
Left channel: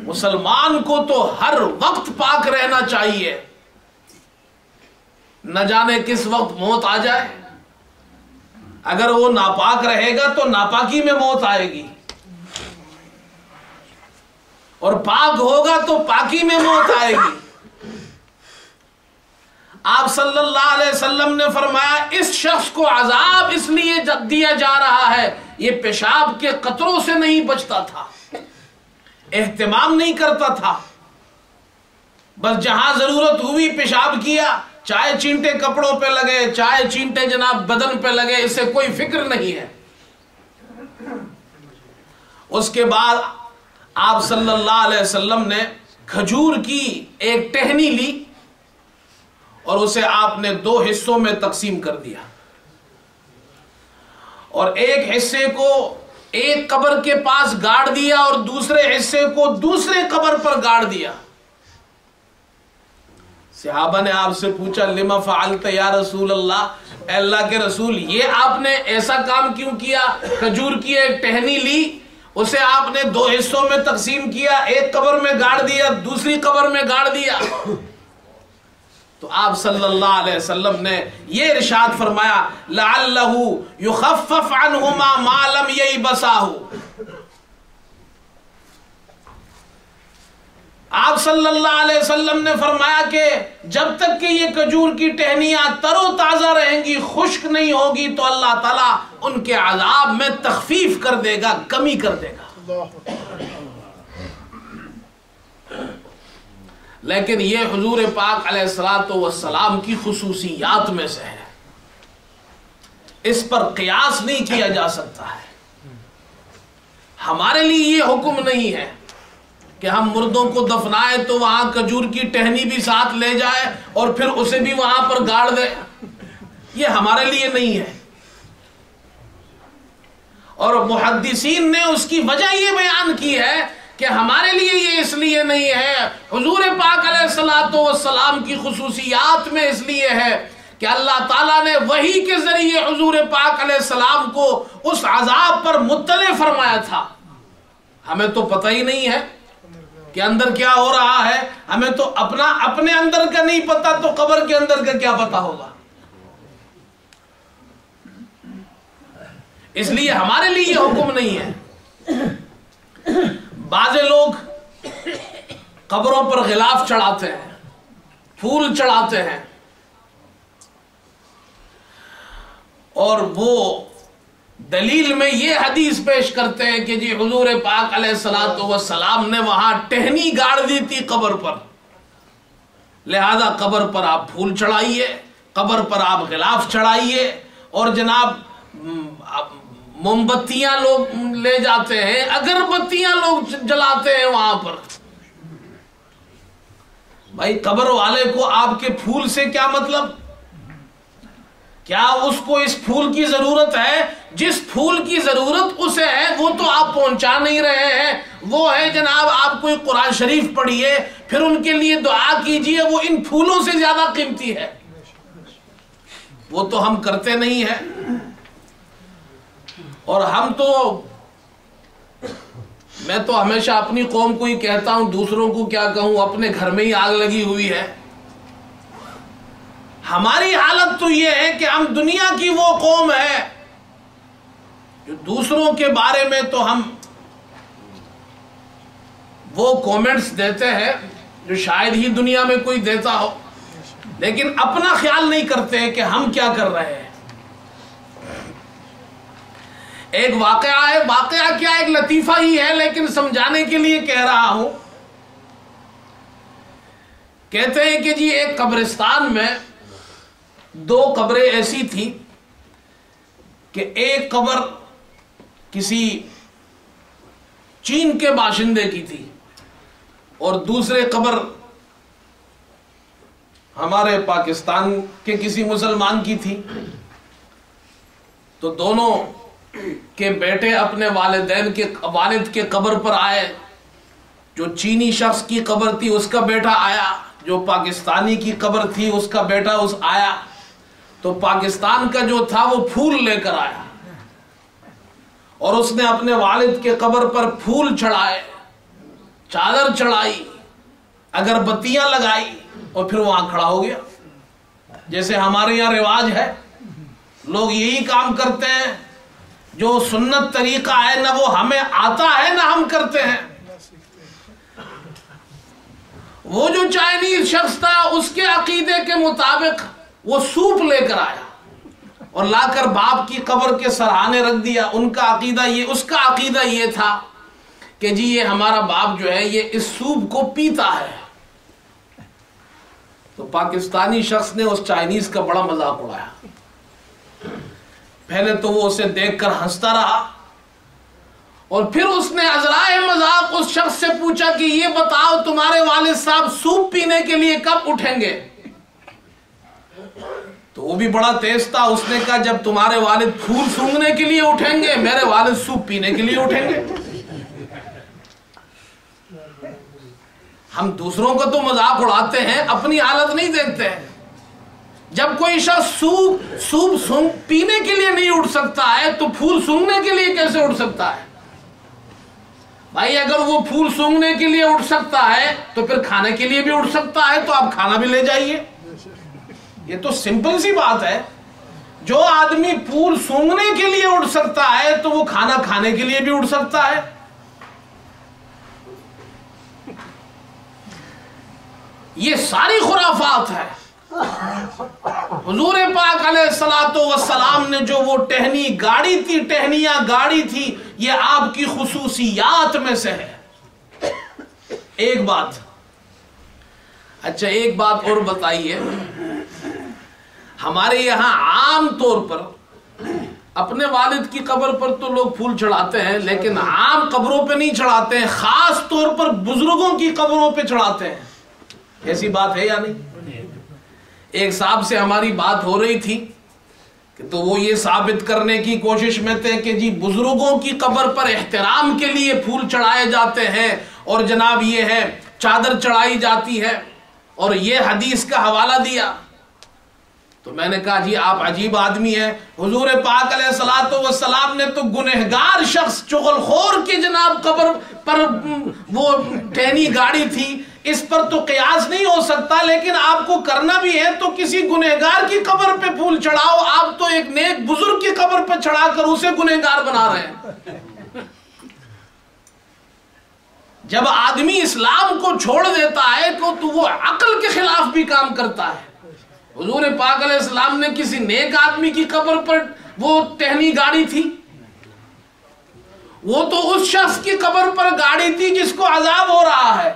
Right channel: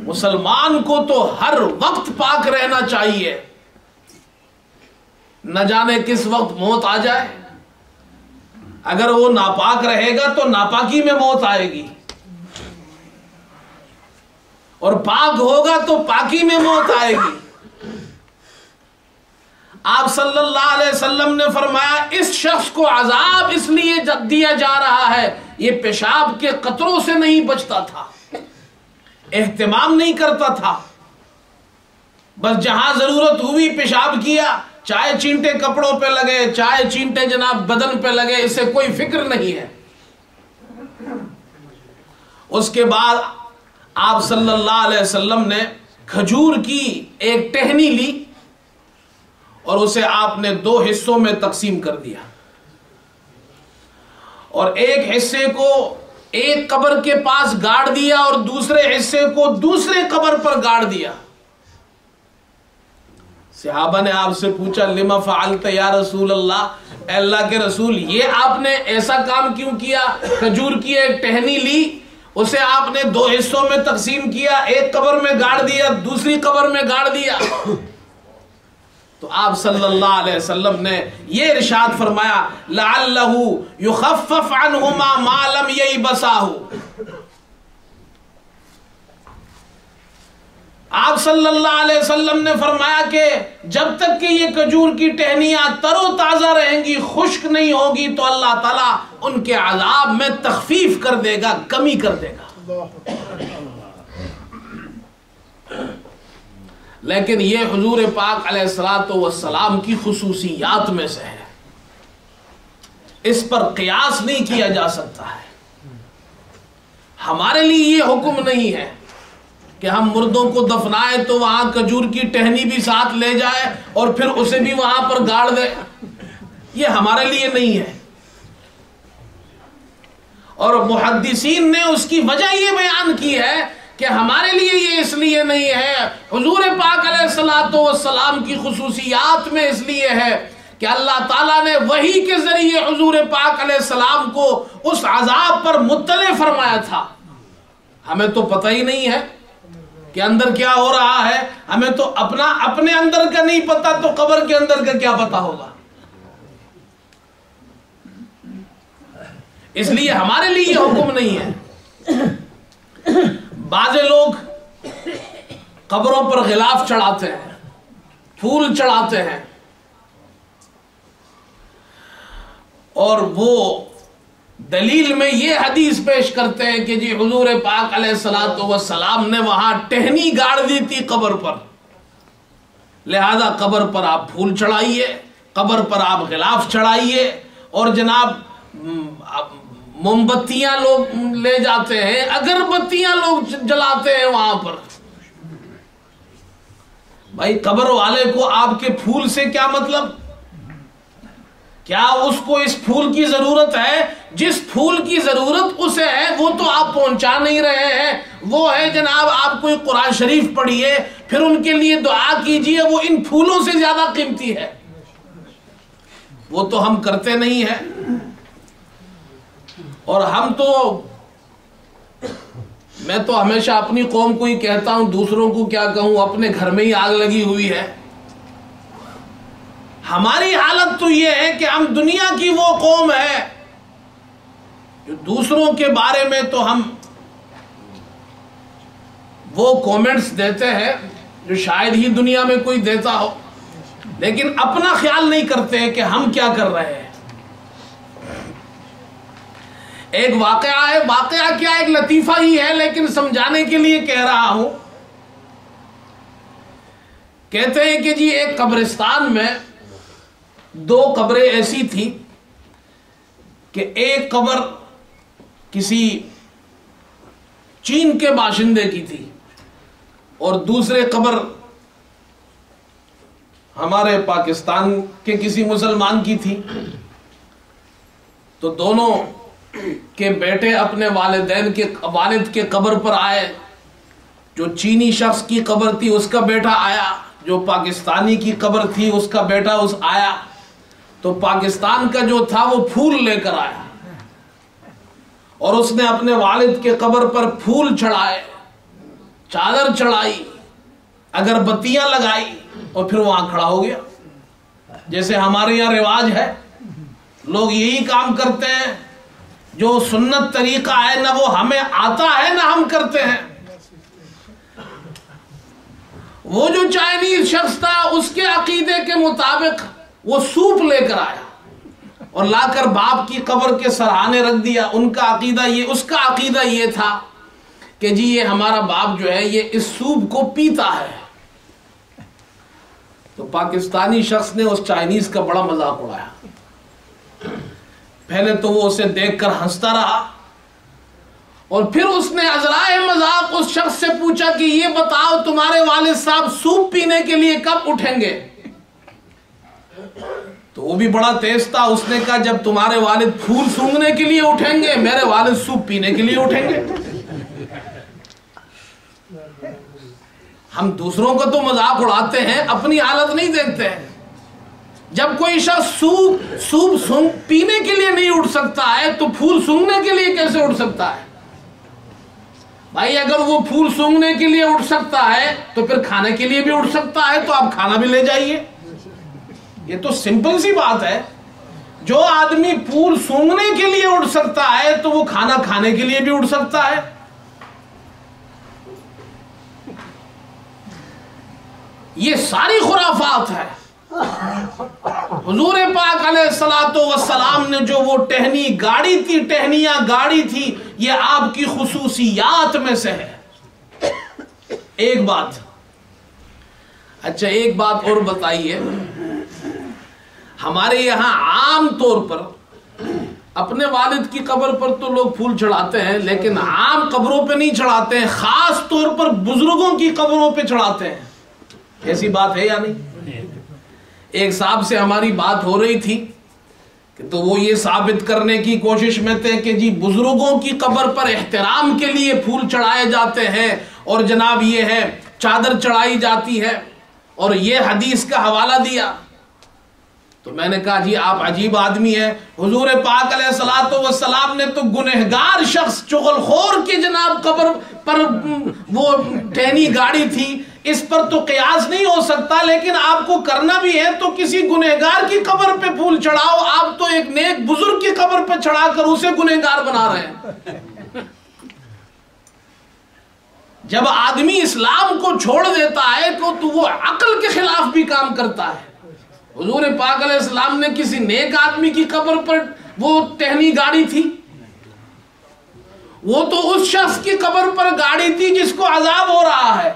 مسلمان کو تو ہر وقت پاک رہنا چاہیے، نہ جانے کس وقت موت آ جائے۔ اگر وہ ناپاک رہے گا تو ناپاکی میں موت آئے گی، اور پاک ہوگا تو پاکی میں موت آئے گی۔ آپ صلی اللہ علیہ وسلم نے فرمایا اس شخص کو عذاب اس لیے دیا جا رہا ہے، یہ پیشاب کے قطروں سے نہیں بچتا تھا، اہتمام نہیں کرتا تھا، بس جہاں ضرورت ہوئی پیشاب کیا، چاہے چینٹے کپڑوں پہ لگے چاہے چینٹے جناب بدن پہ لگے، اسے کوئی فکر نہیں ہے۔ اس کے بعد آپ صلی اللہ علیہ وسلم نے کھجور کی ایک ٹہنی لی اور اسے آپ نے 2 حصوں میں تقسیم کر دیا، اور ایک حصے کو ایک قبر کے پاس گاڑ دیا اور دوسرے حصے کو دوسرے قبر پر گاڑ دیا۔ صحابہ نے آپ سے پوچھا لما فعلت یا رسول اللہ، اے اللہ کے رسول یہ آپ نے ایسا کام کیوں کیا؟ کھجور کی ایک ٹہنی لی، اسے آپ نے 2 حصوں میں تقسیم کیا، ایک قبر میں گاڑ دیا دوسری قبر میں گاڑ دیا۔ تو آپ صلی اللہ علیہ وسلم نے یہ ارشاد فرمایا لعلہ یخفف عنہما ما لم ییبساہ۔ آپ صلی اللہ علیہ وسلم نے فرمایا کہ جب تک کہ یہ کھجور کی ٹہنیاں تر و تازہ رہیں گی، خشک نہیں ہوگی، تو اللہ تعالیٰ ان کے عذاب میں تخفیف کر دے گا، کمی کر دے گا۔ لیکن یہ حضور پاک علیہ الصلوۃ والسلام کی خصوصیات میں سے ہے، اس پر قیاس نہیں کیا جا سکتا ہے۔ ہمارے لیے یہ حکم نہیں ہے کہ ہم مردوں کو دفنائے تو وہاں کھجور کی ٹہنی بھی ساتھ لے جائے اور پھر اسے بھی وہاں پر گاڑ دے، یہ ہمارے لیے نہیں ہے۔ اور محدثین نے اس کی وجہ یہ بیان کی ہے کہ ہمارے لیے یہ اس لیے نہیں ہے، حضور پاک علیہ الصلوۃ والسلام کی خصوصیات میں اس لیے ہے کہ اللہ تعالیٰ نے وحی کے ذریعے حضور پاک علیہ السلام کو اس عذاب پر مطلع فرمایا تھا۔ ہمیں تو پتہ ہی نہیں ہے کہ اندر کیا ہو رہا ہے، ہمیں تو اپنے اندر کا نہیں پتا، تو قبر کے اندر کا کیا پتا ہوگا؟ اس لیے ہمارے لیے یہ حکم نہیں ہے۔ بعض لوگ قبروں پر غلاف چڑھاتے ہیں، پھول چڑھاتے ہیں، اور وہ دلیل میں یہ حدیث پیش کرتے ہیں کہ جی حضور پاک علیہ الصلوۃ والسلام نے وہاں ٹہنی گاڑ دی تھی قبر پر، لہذا قبر پر آپ پھول چڑھائیے، قبر پر آپ غلاف چڑھائیے، اور جناب موم بتیاں لوگ لے جاتے ہیں، اگربتیاں لوگ جلاتے ہیں وہاں پر۔ بھائی قبر والے کو آپ کے پھول سے کیا مطلب؟ کیا اس کو اس پھول کی ضرورت ہے؟ جس پھول کی ضرورت اسے ہے وہ تو آپ پہنچا نہیں رہے ہیں، وہ ہے جناب آپ کوئی قرآن شریف پڑھیے، پھر ان کے لیے دعا کیجئے، وہ ان پھولوں سے زیادہ قیمتی ہے۔ وہ تو ہم کرتے نہیں ہیں، اور میں تو ہمیشہ اپنی قوم کو ہی کہتا ہوں، دوسروں کو کیا کہوں، اپنے گھر میں ہی آگ لگی ہوئی ہے۔ ہماری حالت تو یہ ہے کہ ہم دنیا کی وہ قوم ہے جو دوسروں کے بارے میں تو ہم وہ کومنٹس دیتے ہیں جو شاید ہی دنیا میں کوئی دیتا ہو، لیکن اپنا خیال نہیں کرتے ہیں کہ ہم کیا کر رہے ہیں۔ ایک واقعہ ہے، واقعہ کیا ایک لطیفہ ہی ہے، لیکن سمجھانے کے لیے کہہ رہا ہوں۔ کہتے ہیں کہ جی ایک قبرستان میں 2 قبریں ایسی تھی کہ ایک قبر کسی چین کے باشندے کی تھی اور دوسرے قبر ہمارے پاکستان کے کسی مسلمان کی تھی۔ تو دونوں کے بیٹے اپنے والد کے قبر پر آئے جو چینی شخص کی قبر تھی اس کا بیٹا آیا، جو پاکستانی کی قبر تھی اس کا بیٹا آیا، تو پاکستان کا جو تھا وہ پھول لے کر آیا اور اس نے اپنے والد کے قبر پر پھول چڑھائے، چادر چڑھائی، اگربتیاں لگائی اور پھر وہاں کھڑا ہو گیا۔ جیسے ہمارے یہاں رواج ہے، لوگ یہی کام کرتے ہیں، جو سنت طریقہ ہے نہ وہ ہمیں آتا ہے نہ ہم کرتے ہیں۔ وہ جو چائنیز شخص تھا اس کے عقیدے کے مطابق وہ سوپ لے کر آیا اور لا کر باپ کی قبر کے سرہانے رکھ دیا۔ اس کا عقیدہ یہ تھا کہ جی یہ ہمارا باپ جو ہے یہ اس سوپ کو پیتا ہے۔ تو پاکستانی شخص نے اس چائنیز کا بڑا مذاق اڑایا۔ پہلے تو وہ اسے دیکھ کر ہنستا رہا اور پھر اس نے عذرائے مذاق اس شخص سے پوچھا کہ یہ بتاؤ تمہارے والد صاحب سوپ پینے کے لیے کب اٹھیں گے؟ تو وہ بھی بڑا تیز تھا، اس نے کہا جب تمہارے والد پھول سونگھنے کے لیے اٹھیں گے، میرے والد سوپ پینے کے لیے اٹھیں گے۔ ہم دوسروں کو تو مذاق اڑاتے ہیں، اپنی حالت نہیں دیکھتے ہیں۔ جب کوئی شخص سوپ پینے کے لیے نہیں اٹھ سکتا ہے تو پھول سونگھنے کے لیے کیسے اٹھ سکتا ہے؟ بھائی اگر وہ پھول سونگھنے کے لیے اٹھ سکتا ہے تو پھر کھانے کے لیے بھی اٹھ سکتا ہے، تو آپ کھانا بھی لے جائیے۔ یہ تو سمپل سی بات ہے، جو آدمی پھول سونگھنے کے لیے اٹھ سکتا ہے تو وہ کھانا کھانے کے لیے بھی اٹھ سکتا ہے۔ یہ ساری خرافات ہے۔ حضور پاک علیہ الصلوۃ والسلام نے جو وہ ٹہنی گاڑی تھی، ٹہنیاں گاڑی تھی، یہ آپ کی خصوصیات میں سے ہے۔ ایک بات اچھا ایک بات اور بتائیے، ہمارے یہاں عام طور پر اپنے والد کی قبر پر تو لوگ پھول چڑھاتے ہیں، لیکن عام قبروں پہ نہیں چڑھاتے ہیں، خاص طور پر بزرگوں کی قبروں پہ چڑھاتے ہیں۔ ایسی بات ہے یا نہیں؟ ایک صاحب سے ہماری بات ہو رہی تھی کہ تو وہ یہ ثابت کرنے کی کوشش میں تھے کہ جی بزرگوں کی قبر پر احترام کے لیے پھول چڑھائے جاتے ہیں اور جناب یہ ہے چادر چڑھائی جاتی ہے، اور یہ حدیث کا حوالہ دیا۔ تو میں نے کہا جی آپ عجیب آدمی ہیں، حضور پاک علیہ الصلوۃ والسلام نے تو گنہگار شخص چغل خور کے جناب قبر پر وہ ٹہنی گاڑی تھی، اس پر تو قیاس نہیں ہو سکتا، لیکن آپ کو کرنا بھی ہے تو کسی گنہگار کی قبر پہ پھول چڑھاؤ۔ آپ تو ایک نیک بزرگ کی قبر پہ چڑھا کر اسے گنہگار بنا رہے ہیں۔ جب آدمی اسلام کو چھوڑ دیتا ہے تو وہ عقل کے خلاف بھی کام کرتا ہے۔ حضور پاک علیہ السلام نے کسی نیک آدمی کی قبر پر وہ ٹہنی گاڑی تھی، وہ تو اس شخص کی قبر پر گاڑی تھی جس کو عذاب ہو رہا ہے،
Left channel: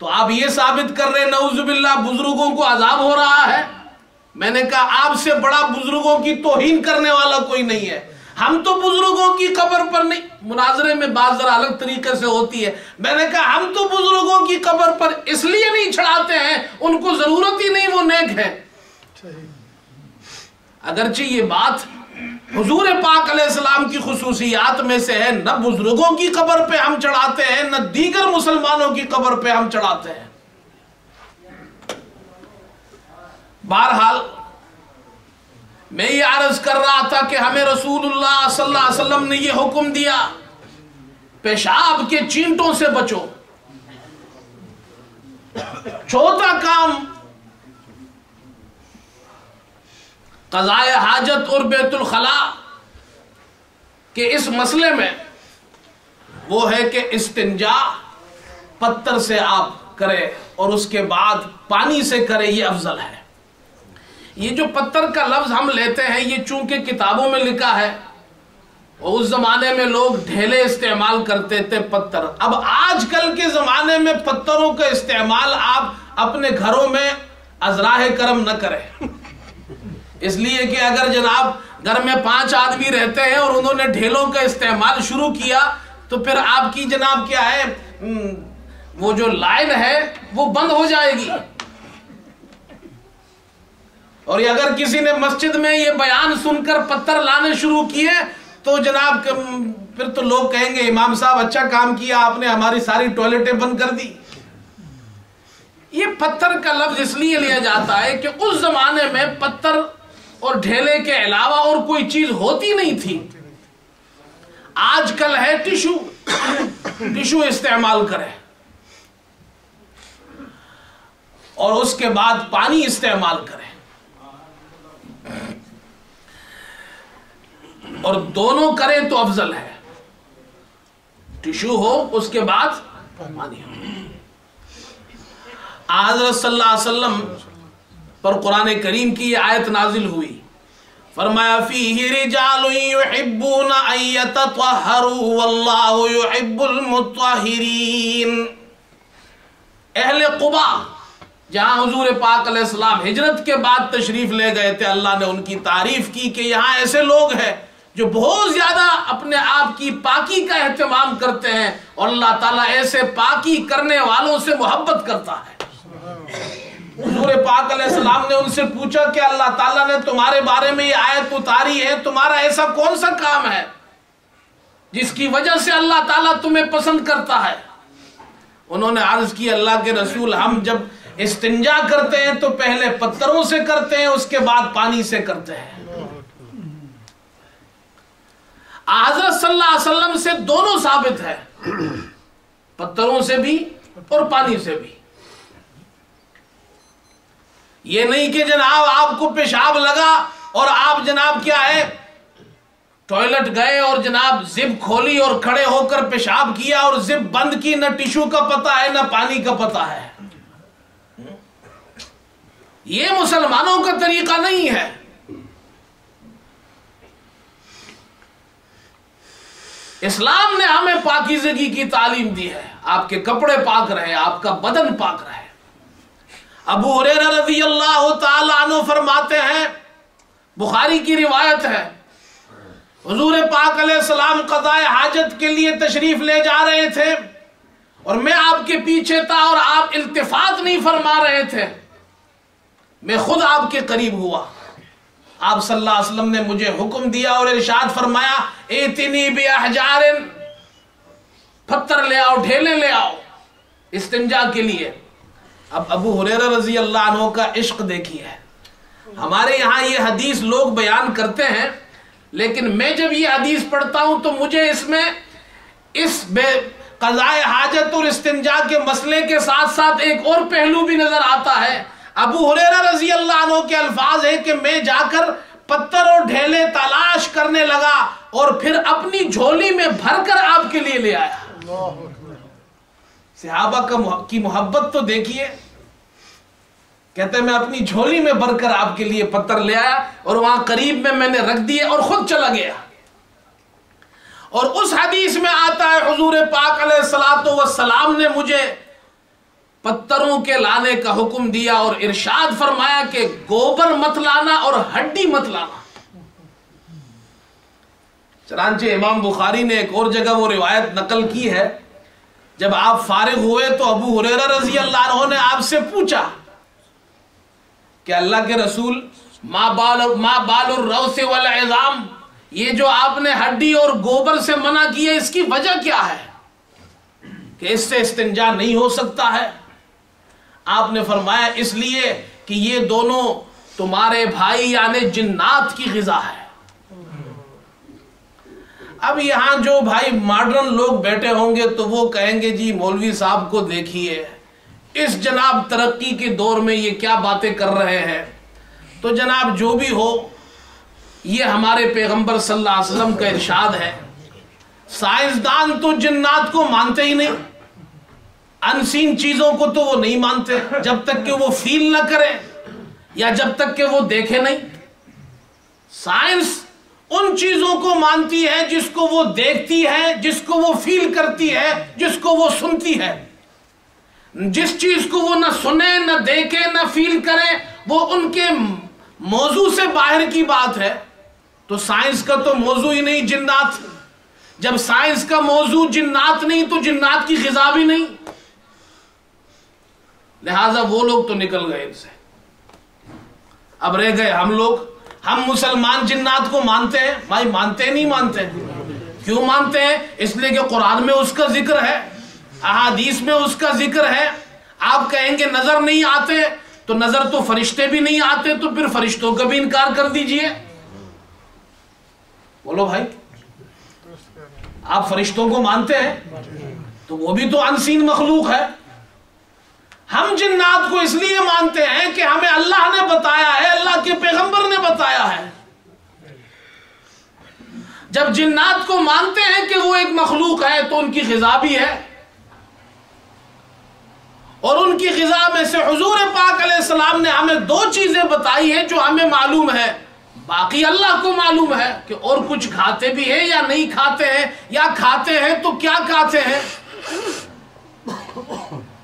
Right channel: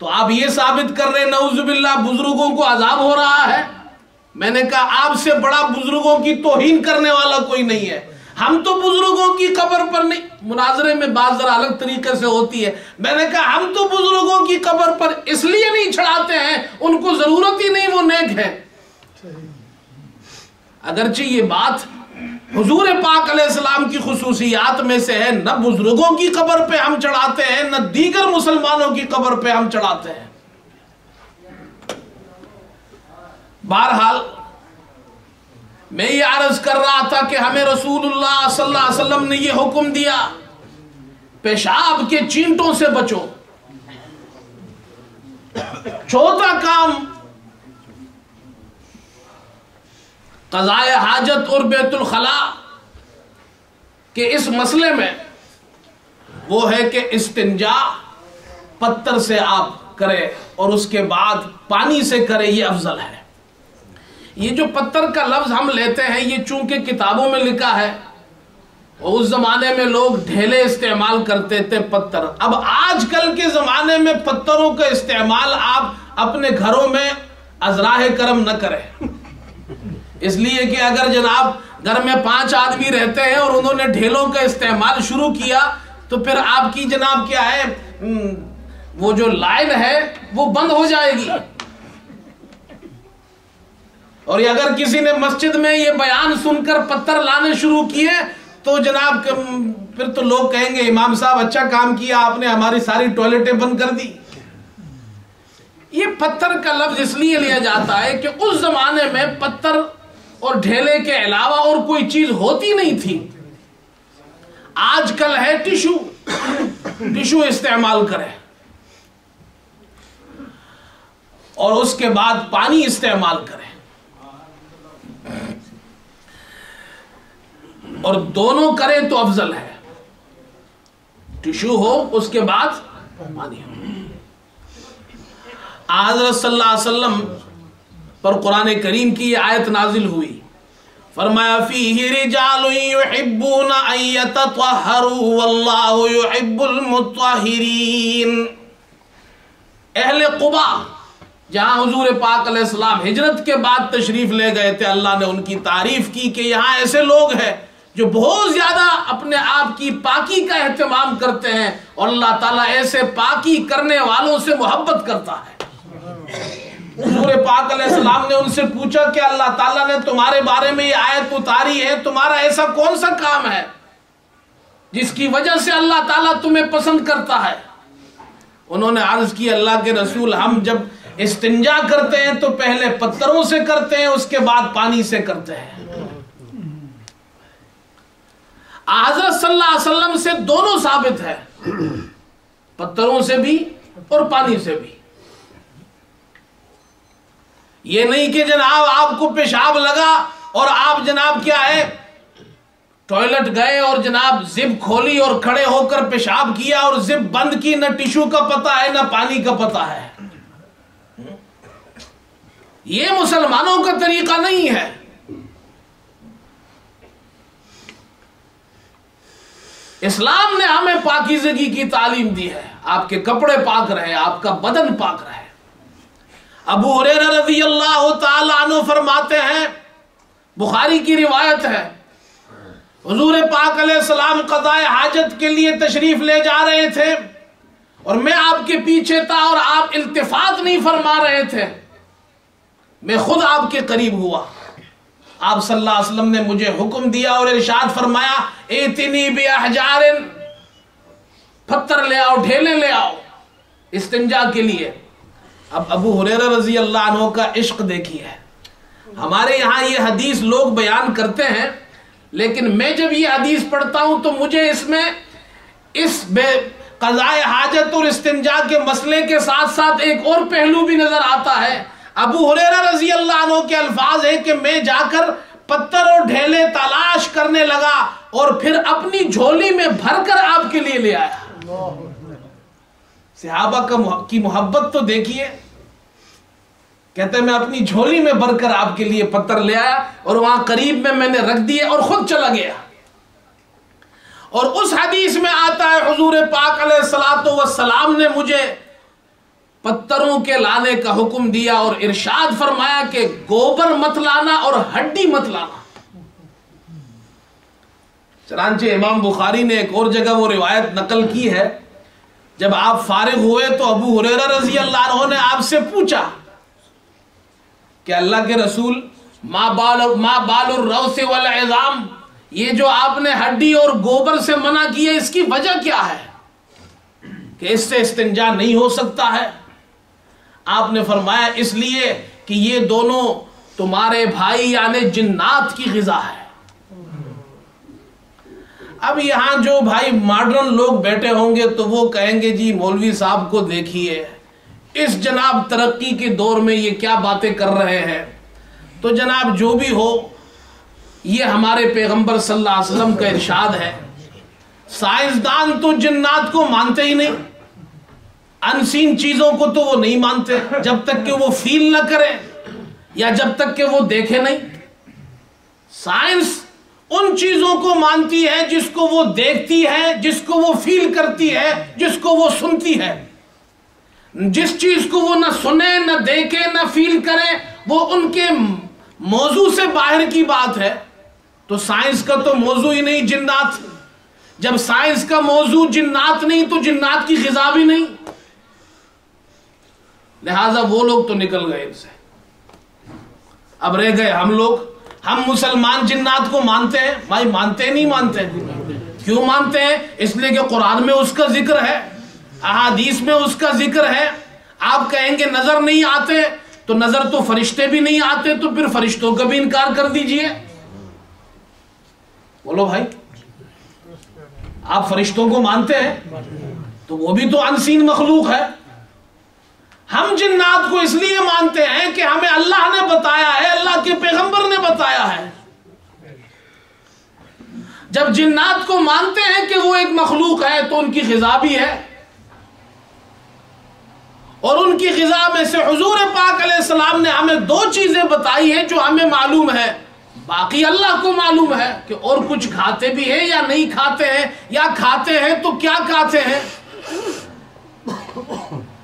تو آپ یہ ثابت کر رہے نعوذ باللہ بزرگوں کو عذاب ہو رہا ہے۔ میں نے کہا آپ سے بڑا بزرگوں کی توہین کرنے والا کوئی نہیں ہے۔ ہم تو بزرگوں کی قبر پر نہیں، مناظرے میں بات ذرا الگ طریقے سے ہوتی ہے، میں نے کہا ہم تو بزرگوں کی قبر پر اس لیے نہیں چڑھاتے ہیں، ان کو ضرورت ہی نہیں، وہ نیک ہے۔ اگرچہ یہ بات حضور پاک علیہ السلام کی خصوصیات میں سے ہے، نہ بزرگوں کی قبر پہ ہم چڑھاتے ہیں نہ دیگر مسلمانوں کی قبر پہ ہم چڑھاتے ہیں۔ بہرحال میں یہ عرض کر رہا تھا کہ ہمیں رسول اللہ صلی اللہ علیہ وسلم نے یہ حکم دیا پیشاب کے چینٹوں سے بچو۔ چوتھا کام قضاء حاجت اور بیت الخلاء کہ اس مسئلے میں وہ ہے کہ استنجا پتھر سے آپ کرے اور اس کے بعد پانی سے کرے، یہ افضل ہے۔ یہ جو پتھر کا لفظ ہم لیتے ہیں یہ چونکہ کتابوں میں لکھا ہے، اور اس زمانے میں لوگ ڈھیلے استعمال کرتے تھے پتھر۔ اب آج کل کے زمانے میں پتھروں کا استعمال آپ اپنے گھروں میں ازراہ کرم نہ کریں، اس لیے کہ اگر جناب گھر میں 5 آدمی رہتے ہیں اور انہوں نے ڈھیلوں کا استعمال شروع کیا تو پھر آپ کی جناب کیا ہے وہ جو لائن ہے وہ بند ہو جائے گی۔ اور اگر کسی نے مسجد میں یہ بیان سن کر پتھر لانے شروع کیے تو جناب پھر تو لوگ کہیں گے امام صاحب اچھا کام کیا آپ نے، ہماری ساری ٹوائلٹیں بند کر دی۔ یہ پتھر کا لفظ اس لیے لیا جاتا ہے کہ اس زمانے میں پتھر اور ڈھیلے کے علاوہ اور کوئی چیز ہوتی نہیں تھی۔ آج کل ہے ٹشو استعمال کرے اور اس کے بعد پانی استعمال کرے، اور دونوں کریں تو افضل ہے، ٹشو ہو اس کے بعد پانی ہو۔ حضرت صلی اللہ علیہ وسلم پر قرآن کریم کی یہ آیت نازل ہوئی، فرمایا فیہ رجال یحبون ان یتطہروا واللہ یحب المطہرین۔ اہل قباء جہاں حضور پاک علیہ السلام ہجرت کے بعد تشریف لے گئے تھے، اللہ نے ان کی تعریف کی کہ یہاں ایسے لوگ ہیں جو بہت زیادہ اپنے آپ کی پاکی کا اہتمام کرتے ہیں، اور اللہ تعالیٰ ایسے پاکی کرنے والوں سے محبت کرتا ہے۔ حضور پاک علیہ السلام نے ان سے پوچھا کہ اللہ تعالیٰ نے تمہارے بارے میں یہ آیت اتاری ہے، تمہارا ایسا کون سا کام ہے جس کی وجہ سے اللہ تعالیٰ تمہیں پسند کرتا ہے؟ انہوں نے عرض کی اللہ کے رسول، ہم جب استنجا کرتے ہیں تو پہلے پتھروں سے کرتے ہیں، اس کے بعد پانی سے کرتے ہیں۔ حضرت صلی اللہ علیہ وسلم سے دونوں ثابت ہے، پتھروں سے بھی اور پانی سے بھی۔ یہ نہیں کہ جناب آپ کو پیشاب لگا اور آپ جناب کیا ہے ٹوائلٹ گئے اور جناب زب کھولی اور کھڑے ہو کر پیشاب کیا اور زب بند کی، نہ ٹشو کا پتہ ہے نہ پانی کا پتہ ہے۔ یہ مسلمانوں کا طریقہ نہیں ہے۔ اسلام نے ہمیں پاکیزگی کی تعلیم دی ہے، آپ کے کپڑے پاک رہے، آپ کا بدن پاک رہے۔ ابو ہریرہ رضی اللہ تعالی عنہ فرماتے ہیں، بخاری کی روایت ہے، حضور پاک علیہ السلام قضاء حاجت کے لیے تشریف لے جا رہے تھے اور میں آپ کے پیچھے تھا اور آپ التفات نہیں فرما رہے تھے، میں خود آپ کے قریب ہوا۔ آپ صلی اللہ علیہ وسلم نے مجھے حکم دیا اور ارشاد فرمایا، ایتنی باحجار، پتھر لے آؤ، ڈھیلے لے آؤ استنجا کے لیے۔ اب ابو ہریرہ رضی اللہ عنہ کا عشق دیکھیے، ہمارے یہاں یہ حدیث لوگ بیان کرتے ہیں، لیکن میں جب یہ حدیث پڑھتا ہوں تو مجھے اس میں اس قضاء حاجت اور استنجا کے مسئلے کے ساتھ ساتھ ایک اور پہلو بھی نظر آتا ہے۔ ابو ہریرہ رضی اللہ عنہ کے الفاظ ہیں کہ میں جا کر پتھر اور ڈھیلے تلاش کرنے لگا اور پھر اپنی جھولی میں بھر کر آپ کے لیے لے آیا۔ صحابہ کی محبت تو دیکھیے، کہتے ہیں میں اپنی جھولی میں بھر کر آپ کے لیے پتھر لے آیا اور وہاں قریب میں نے رکھ دیے اور خود چلا گیا۔ اور اس حدیث میں آتا ہے حضور پاک علیہ الصلوۃ والسلام نے مجھے پتھروں کے لانے کا حکم دیا اور ارشاد فرمایا کہ گوبر مت لانا اور ہڈی مت لانا۔ چنانچہ امام بخاری نے ایک اور جگہ وہ روایت نقل کی ہے، جب آپ فارغ ہوئے تو ابو ہریرہ رضی اللہ عنہ نے آپ سے پوچھا کہ اللہ کے رسول ما بال الروث والعظام، یہ جو آپ نے ہڈی اور گوبر سے منع کیا اس کی وجہ کیا ہے کہ اس سے استنجا نہیں ہو سکتا ہے؟ آپ نے فرمایا اس لیے کہ یہ دونوں تمہارے بھائی یعنی جنات کی غذا ہے۔ اب یہاں جو بھائی ماڈرن لوگ بیٹھے ہوں گے تو وہ کہیں گے جی مولوی صاحب کو دیکھیے اس جناب ترقی کے دور میں یہ کیا باتیں کر رہے ہیں۔ تو جناب جو بھی ہو، یہ ہمارے پیغمبر صلی اللہ علیہ وسلم کا ارشاد ہے۔ سائنسدان تو جنات کو مانتے ہی نہیں، انسین چیزوں کو تو وہ نہیں مانتے جب تک کہ وہ فیل نہ کرے یا جب تک کہ وہ دیکھے نہیں۔ سائنس ان چیزوں کو مانتی ہے جس کو وہ دیکھتی ہے، جس کو وہ فیل کرتی ہے، جس کو وہ سنتی ہے۔ جس چیز کو وہ نہ سنے نہ دیکھے نہ فیل کرے وہ ان کے موضوع سے باہر کی بات ہے۔ تو سائنس کا تو موضوع ہی نہیں جنات، جب سائنس کا موضوع جنات نہیں تو جنات کی غذا بھی نہیں، لہذا وہ لوگ تو نکل گئے ان سے۔ اب رہ گئے ہم لوگ، ہم مسلمان جنات کو مانتے ہیں؟ بھائی مانتے نہیں مانتے؟ کیوں مانتے ہیں؟ اس لیے کہ قرآن میں اس کا ذکر ہے، احادیث میں اس کا ذکر ہے۔ آپ کہیں گے نظر نہیں آتے، تو نظر تو فرشتے بھی نہیں آتے، تو پھر فرشتوں کا بھی انکار کر دیجئے۔ بولو بھائی، آپ فرشتوں کو مانتے ہیں تو وہ بھی تو انسین مخلوق ہے۔ ہم جنات کو اس لیے مانتے ہیں کہ ہمیں اللہ نے بتایا ہے، اللہ کے پیغمبر نے بتایا ہے۔ جب جنات کو مانتے ہیں کہ وہ ایک مخلوق ہے تو ان کی غذا بھی ہے، اور ان کی غذا میں سے حضور پاک علیہ السلام نے ہمیں دو چیزیں بتائی ہیں جو ہمیں معلوم ہے، باقی اللہ کو معلوم ہے کہ اور کچھ کھاتے بھی ہیں یا نہیں کھاتے ہیں، یا کھاتے ہیں تو کیا کھاتے ہیں۔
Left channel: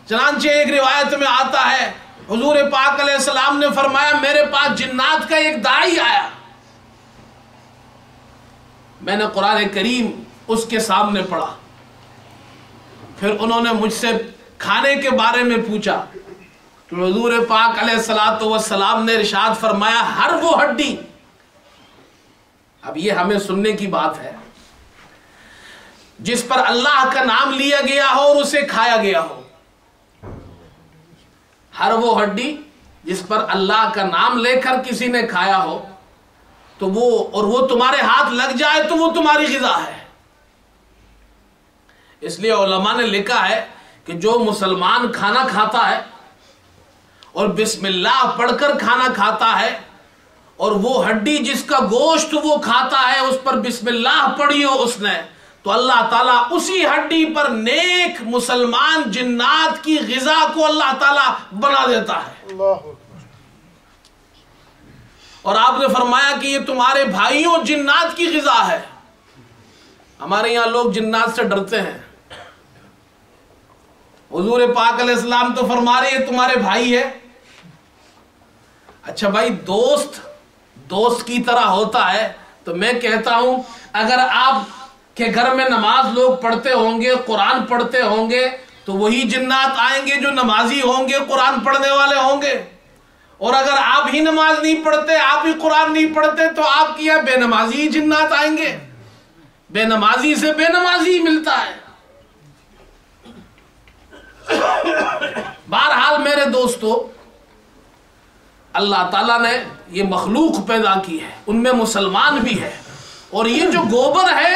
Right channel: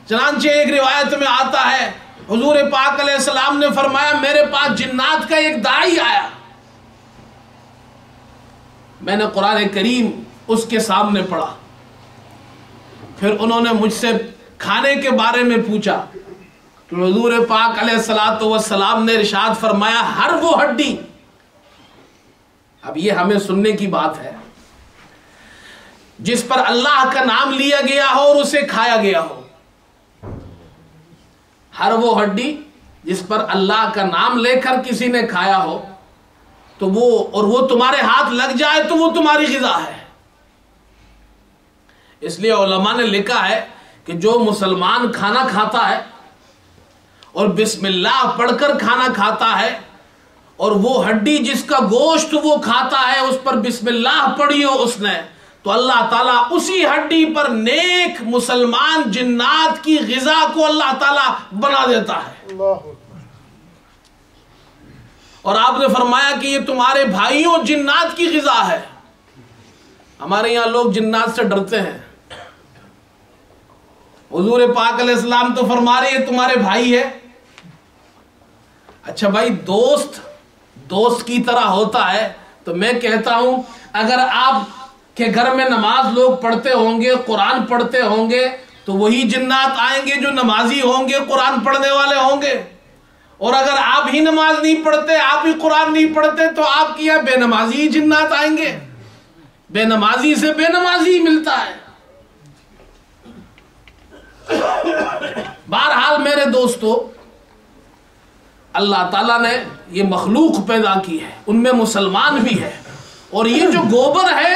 چنانچہ ایک روایت میں آتا ہے حضور پاک علیہ السلام نے فرمایا میرے پاس جنات کا ایک داعی آیا، میں نے قرآن کریم اس کے سامنے پڑھا، پھر انہوں نے مجھ سے کھانے کے بارے میں پوچھا تو حضور پاک علیہ السلام نے ارشاد فرمایا ہر وہ ہڈی، اب یہ ہمیں سننے کی بات ہے، جس پر اللہ کا نام لیا گیا ہو اور اسے کھایا گیا ہو، ہر وہ ہڈی جس پر اللہ کا نام لے کر کسی نے کھایا ہو تو وہ تمہارے ہاتھ لگ جائے تو وہ تمہاری غذا ہے۔ اس لیے علماء نے لکھا ہے کہ جو مسلمان کھانا کھاتا ہے اور بسم اللہ پڑھ کر کھانا کھاتا ہے، اور وہ ہڈی جس کا گوشت وہ کھاتا ہے اس پر بسم اللہ پڑھی ہو اس نے، تو اللہ تعالیٰ اسی ہڈی پر نیک مسلمان جنات کی غذا کو اللہ تعالیٰ بنا دیتا ہے۔ اور آپ نے فرمایا کہ یہ تمہارے بھائیوں جنات کی غذا ہے۔ ہمارے یہاں لوگ جنات سے ڈرتے ہیں، حضور پاک علیہ السلام تو فرما رہے ہیں تمہارے بھائی ہے۔ اچھا بھائی، دوست کی طرح ہوتا ہے تو میں کہتا ہوں اگر آپ کے گھر میں نماز لوگ پڑھتے ہوں گے، قرآن پڑھتے ہوں گے، تو وہی جنات آئیں گے جو نمازی ہوں گے، قرآن پڑھنے والے ہوں گے۔ اور اگر آپ ہی نماز نہیں پڑھتے، آپ ہی قرآن نہیں پڑھتے، تو آپ کی بے نمازی جنات آئیں گے۔ بے نمازی سے بے نمازی ملتا ہے۔ بہرحال میرے دوستو، اللہ تعالیٰ نے یہ مخلوق پیدا کی ہے، ان میں مسلمان بھی ہے، اور یہ جو گوبر ہے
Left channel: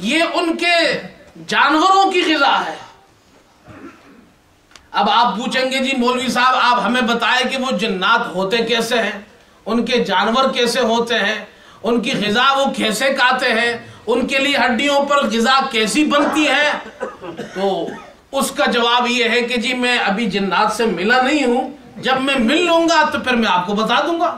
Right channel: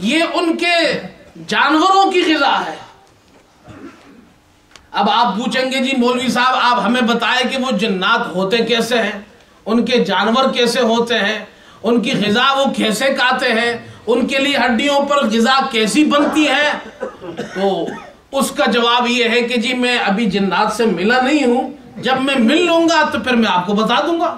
یہ ان کے جانوروں کی غذا ہے۔ اب آپ پوچھیں گے جی مولوی صاحب آپ ہمیں بتائیں کہ وہ جنات ہوتے کیسے ہیں، ان کے جانور کیسے ہوتے ہیں، ان کی غذا وہ کیسے کھاتے ہیں، ان کے لیے ہڈیوں پر غذا کیسی بنتی ہے، تو اس کا جواب یہ ہے کہ جی میں ابھی جنات سے ملا نہیں ہوں، جب میں مل لوں گا تو پھر میں آپ کو بتا دوں گا۔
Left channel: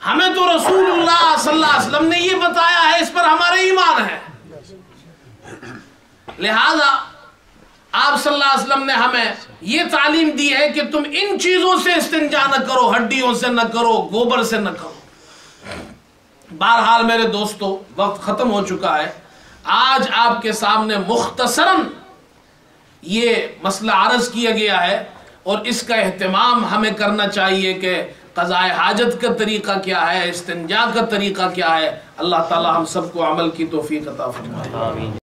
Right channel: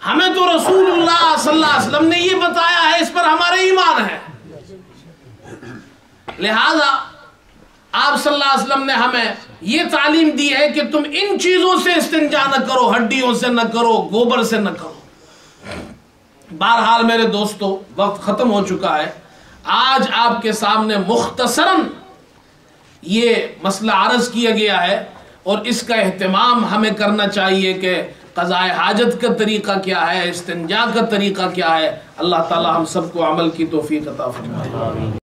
ہمیں تو رسول اللہ صلی اللہ علیہ وسلم نے یہ بتایا ہے، اس پر ہمارا ایمان ہے۔ لہذا آپ صلی اللہ علیہ وسلم نے ہمیں یہ تعلیم دی ہے کہ تم ان چیزوں سے استنجا نہ کرو، ہڈیوں سے نہ کرو، گوبر سے نہ کرو۔ بہرحال میرے دوستو، وقت ختم ہو چکا ہے۔ آج آپ کے سامنے مختصراً یہ مسئلہ عرض کیا گیا ہے، اور اس کا اہتمام ہمیں کرنا چاہیے کہ قضاء حاجت کا طریقہ کیا ہے، استنجا کا طریقہ کیا ہے۔ اللہ تعالی ہم سب کو عمل کی توفیق عطا فرمائے۔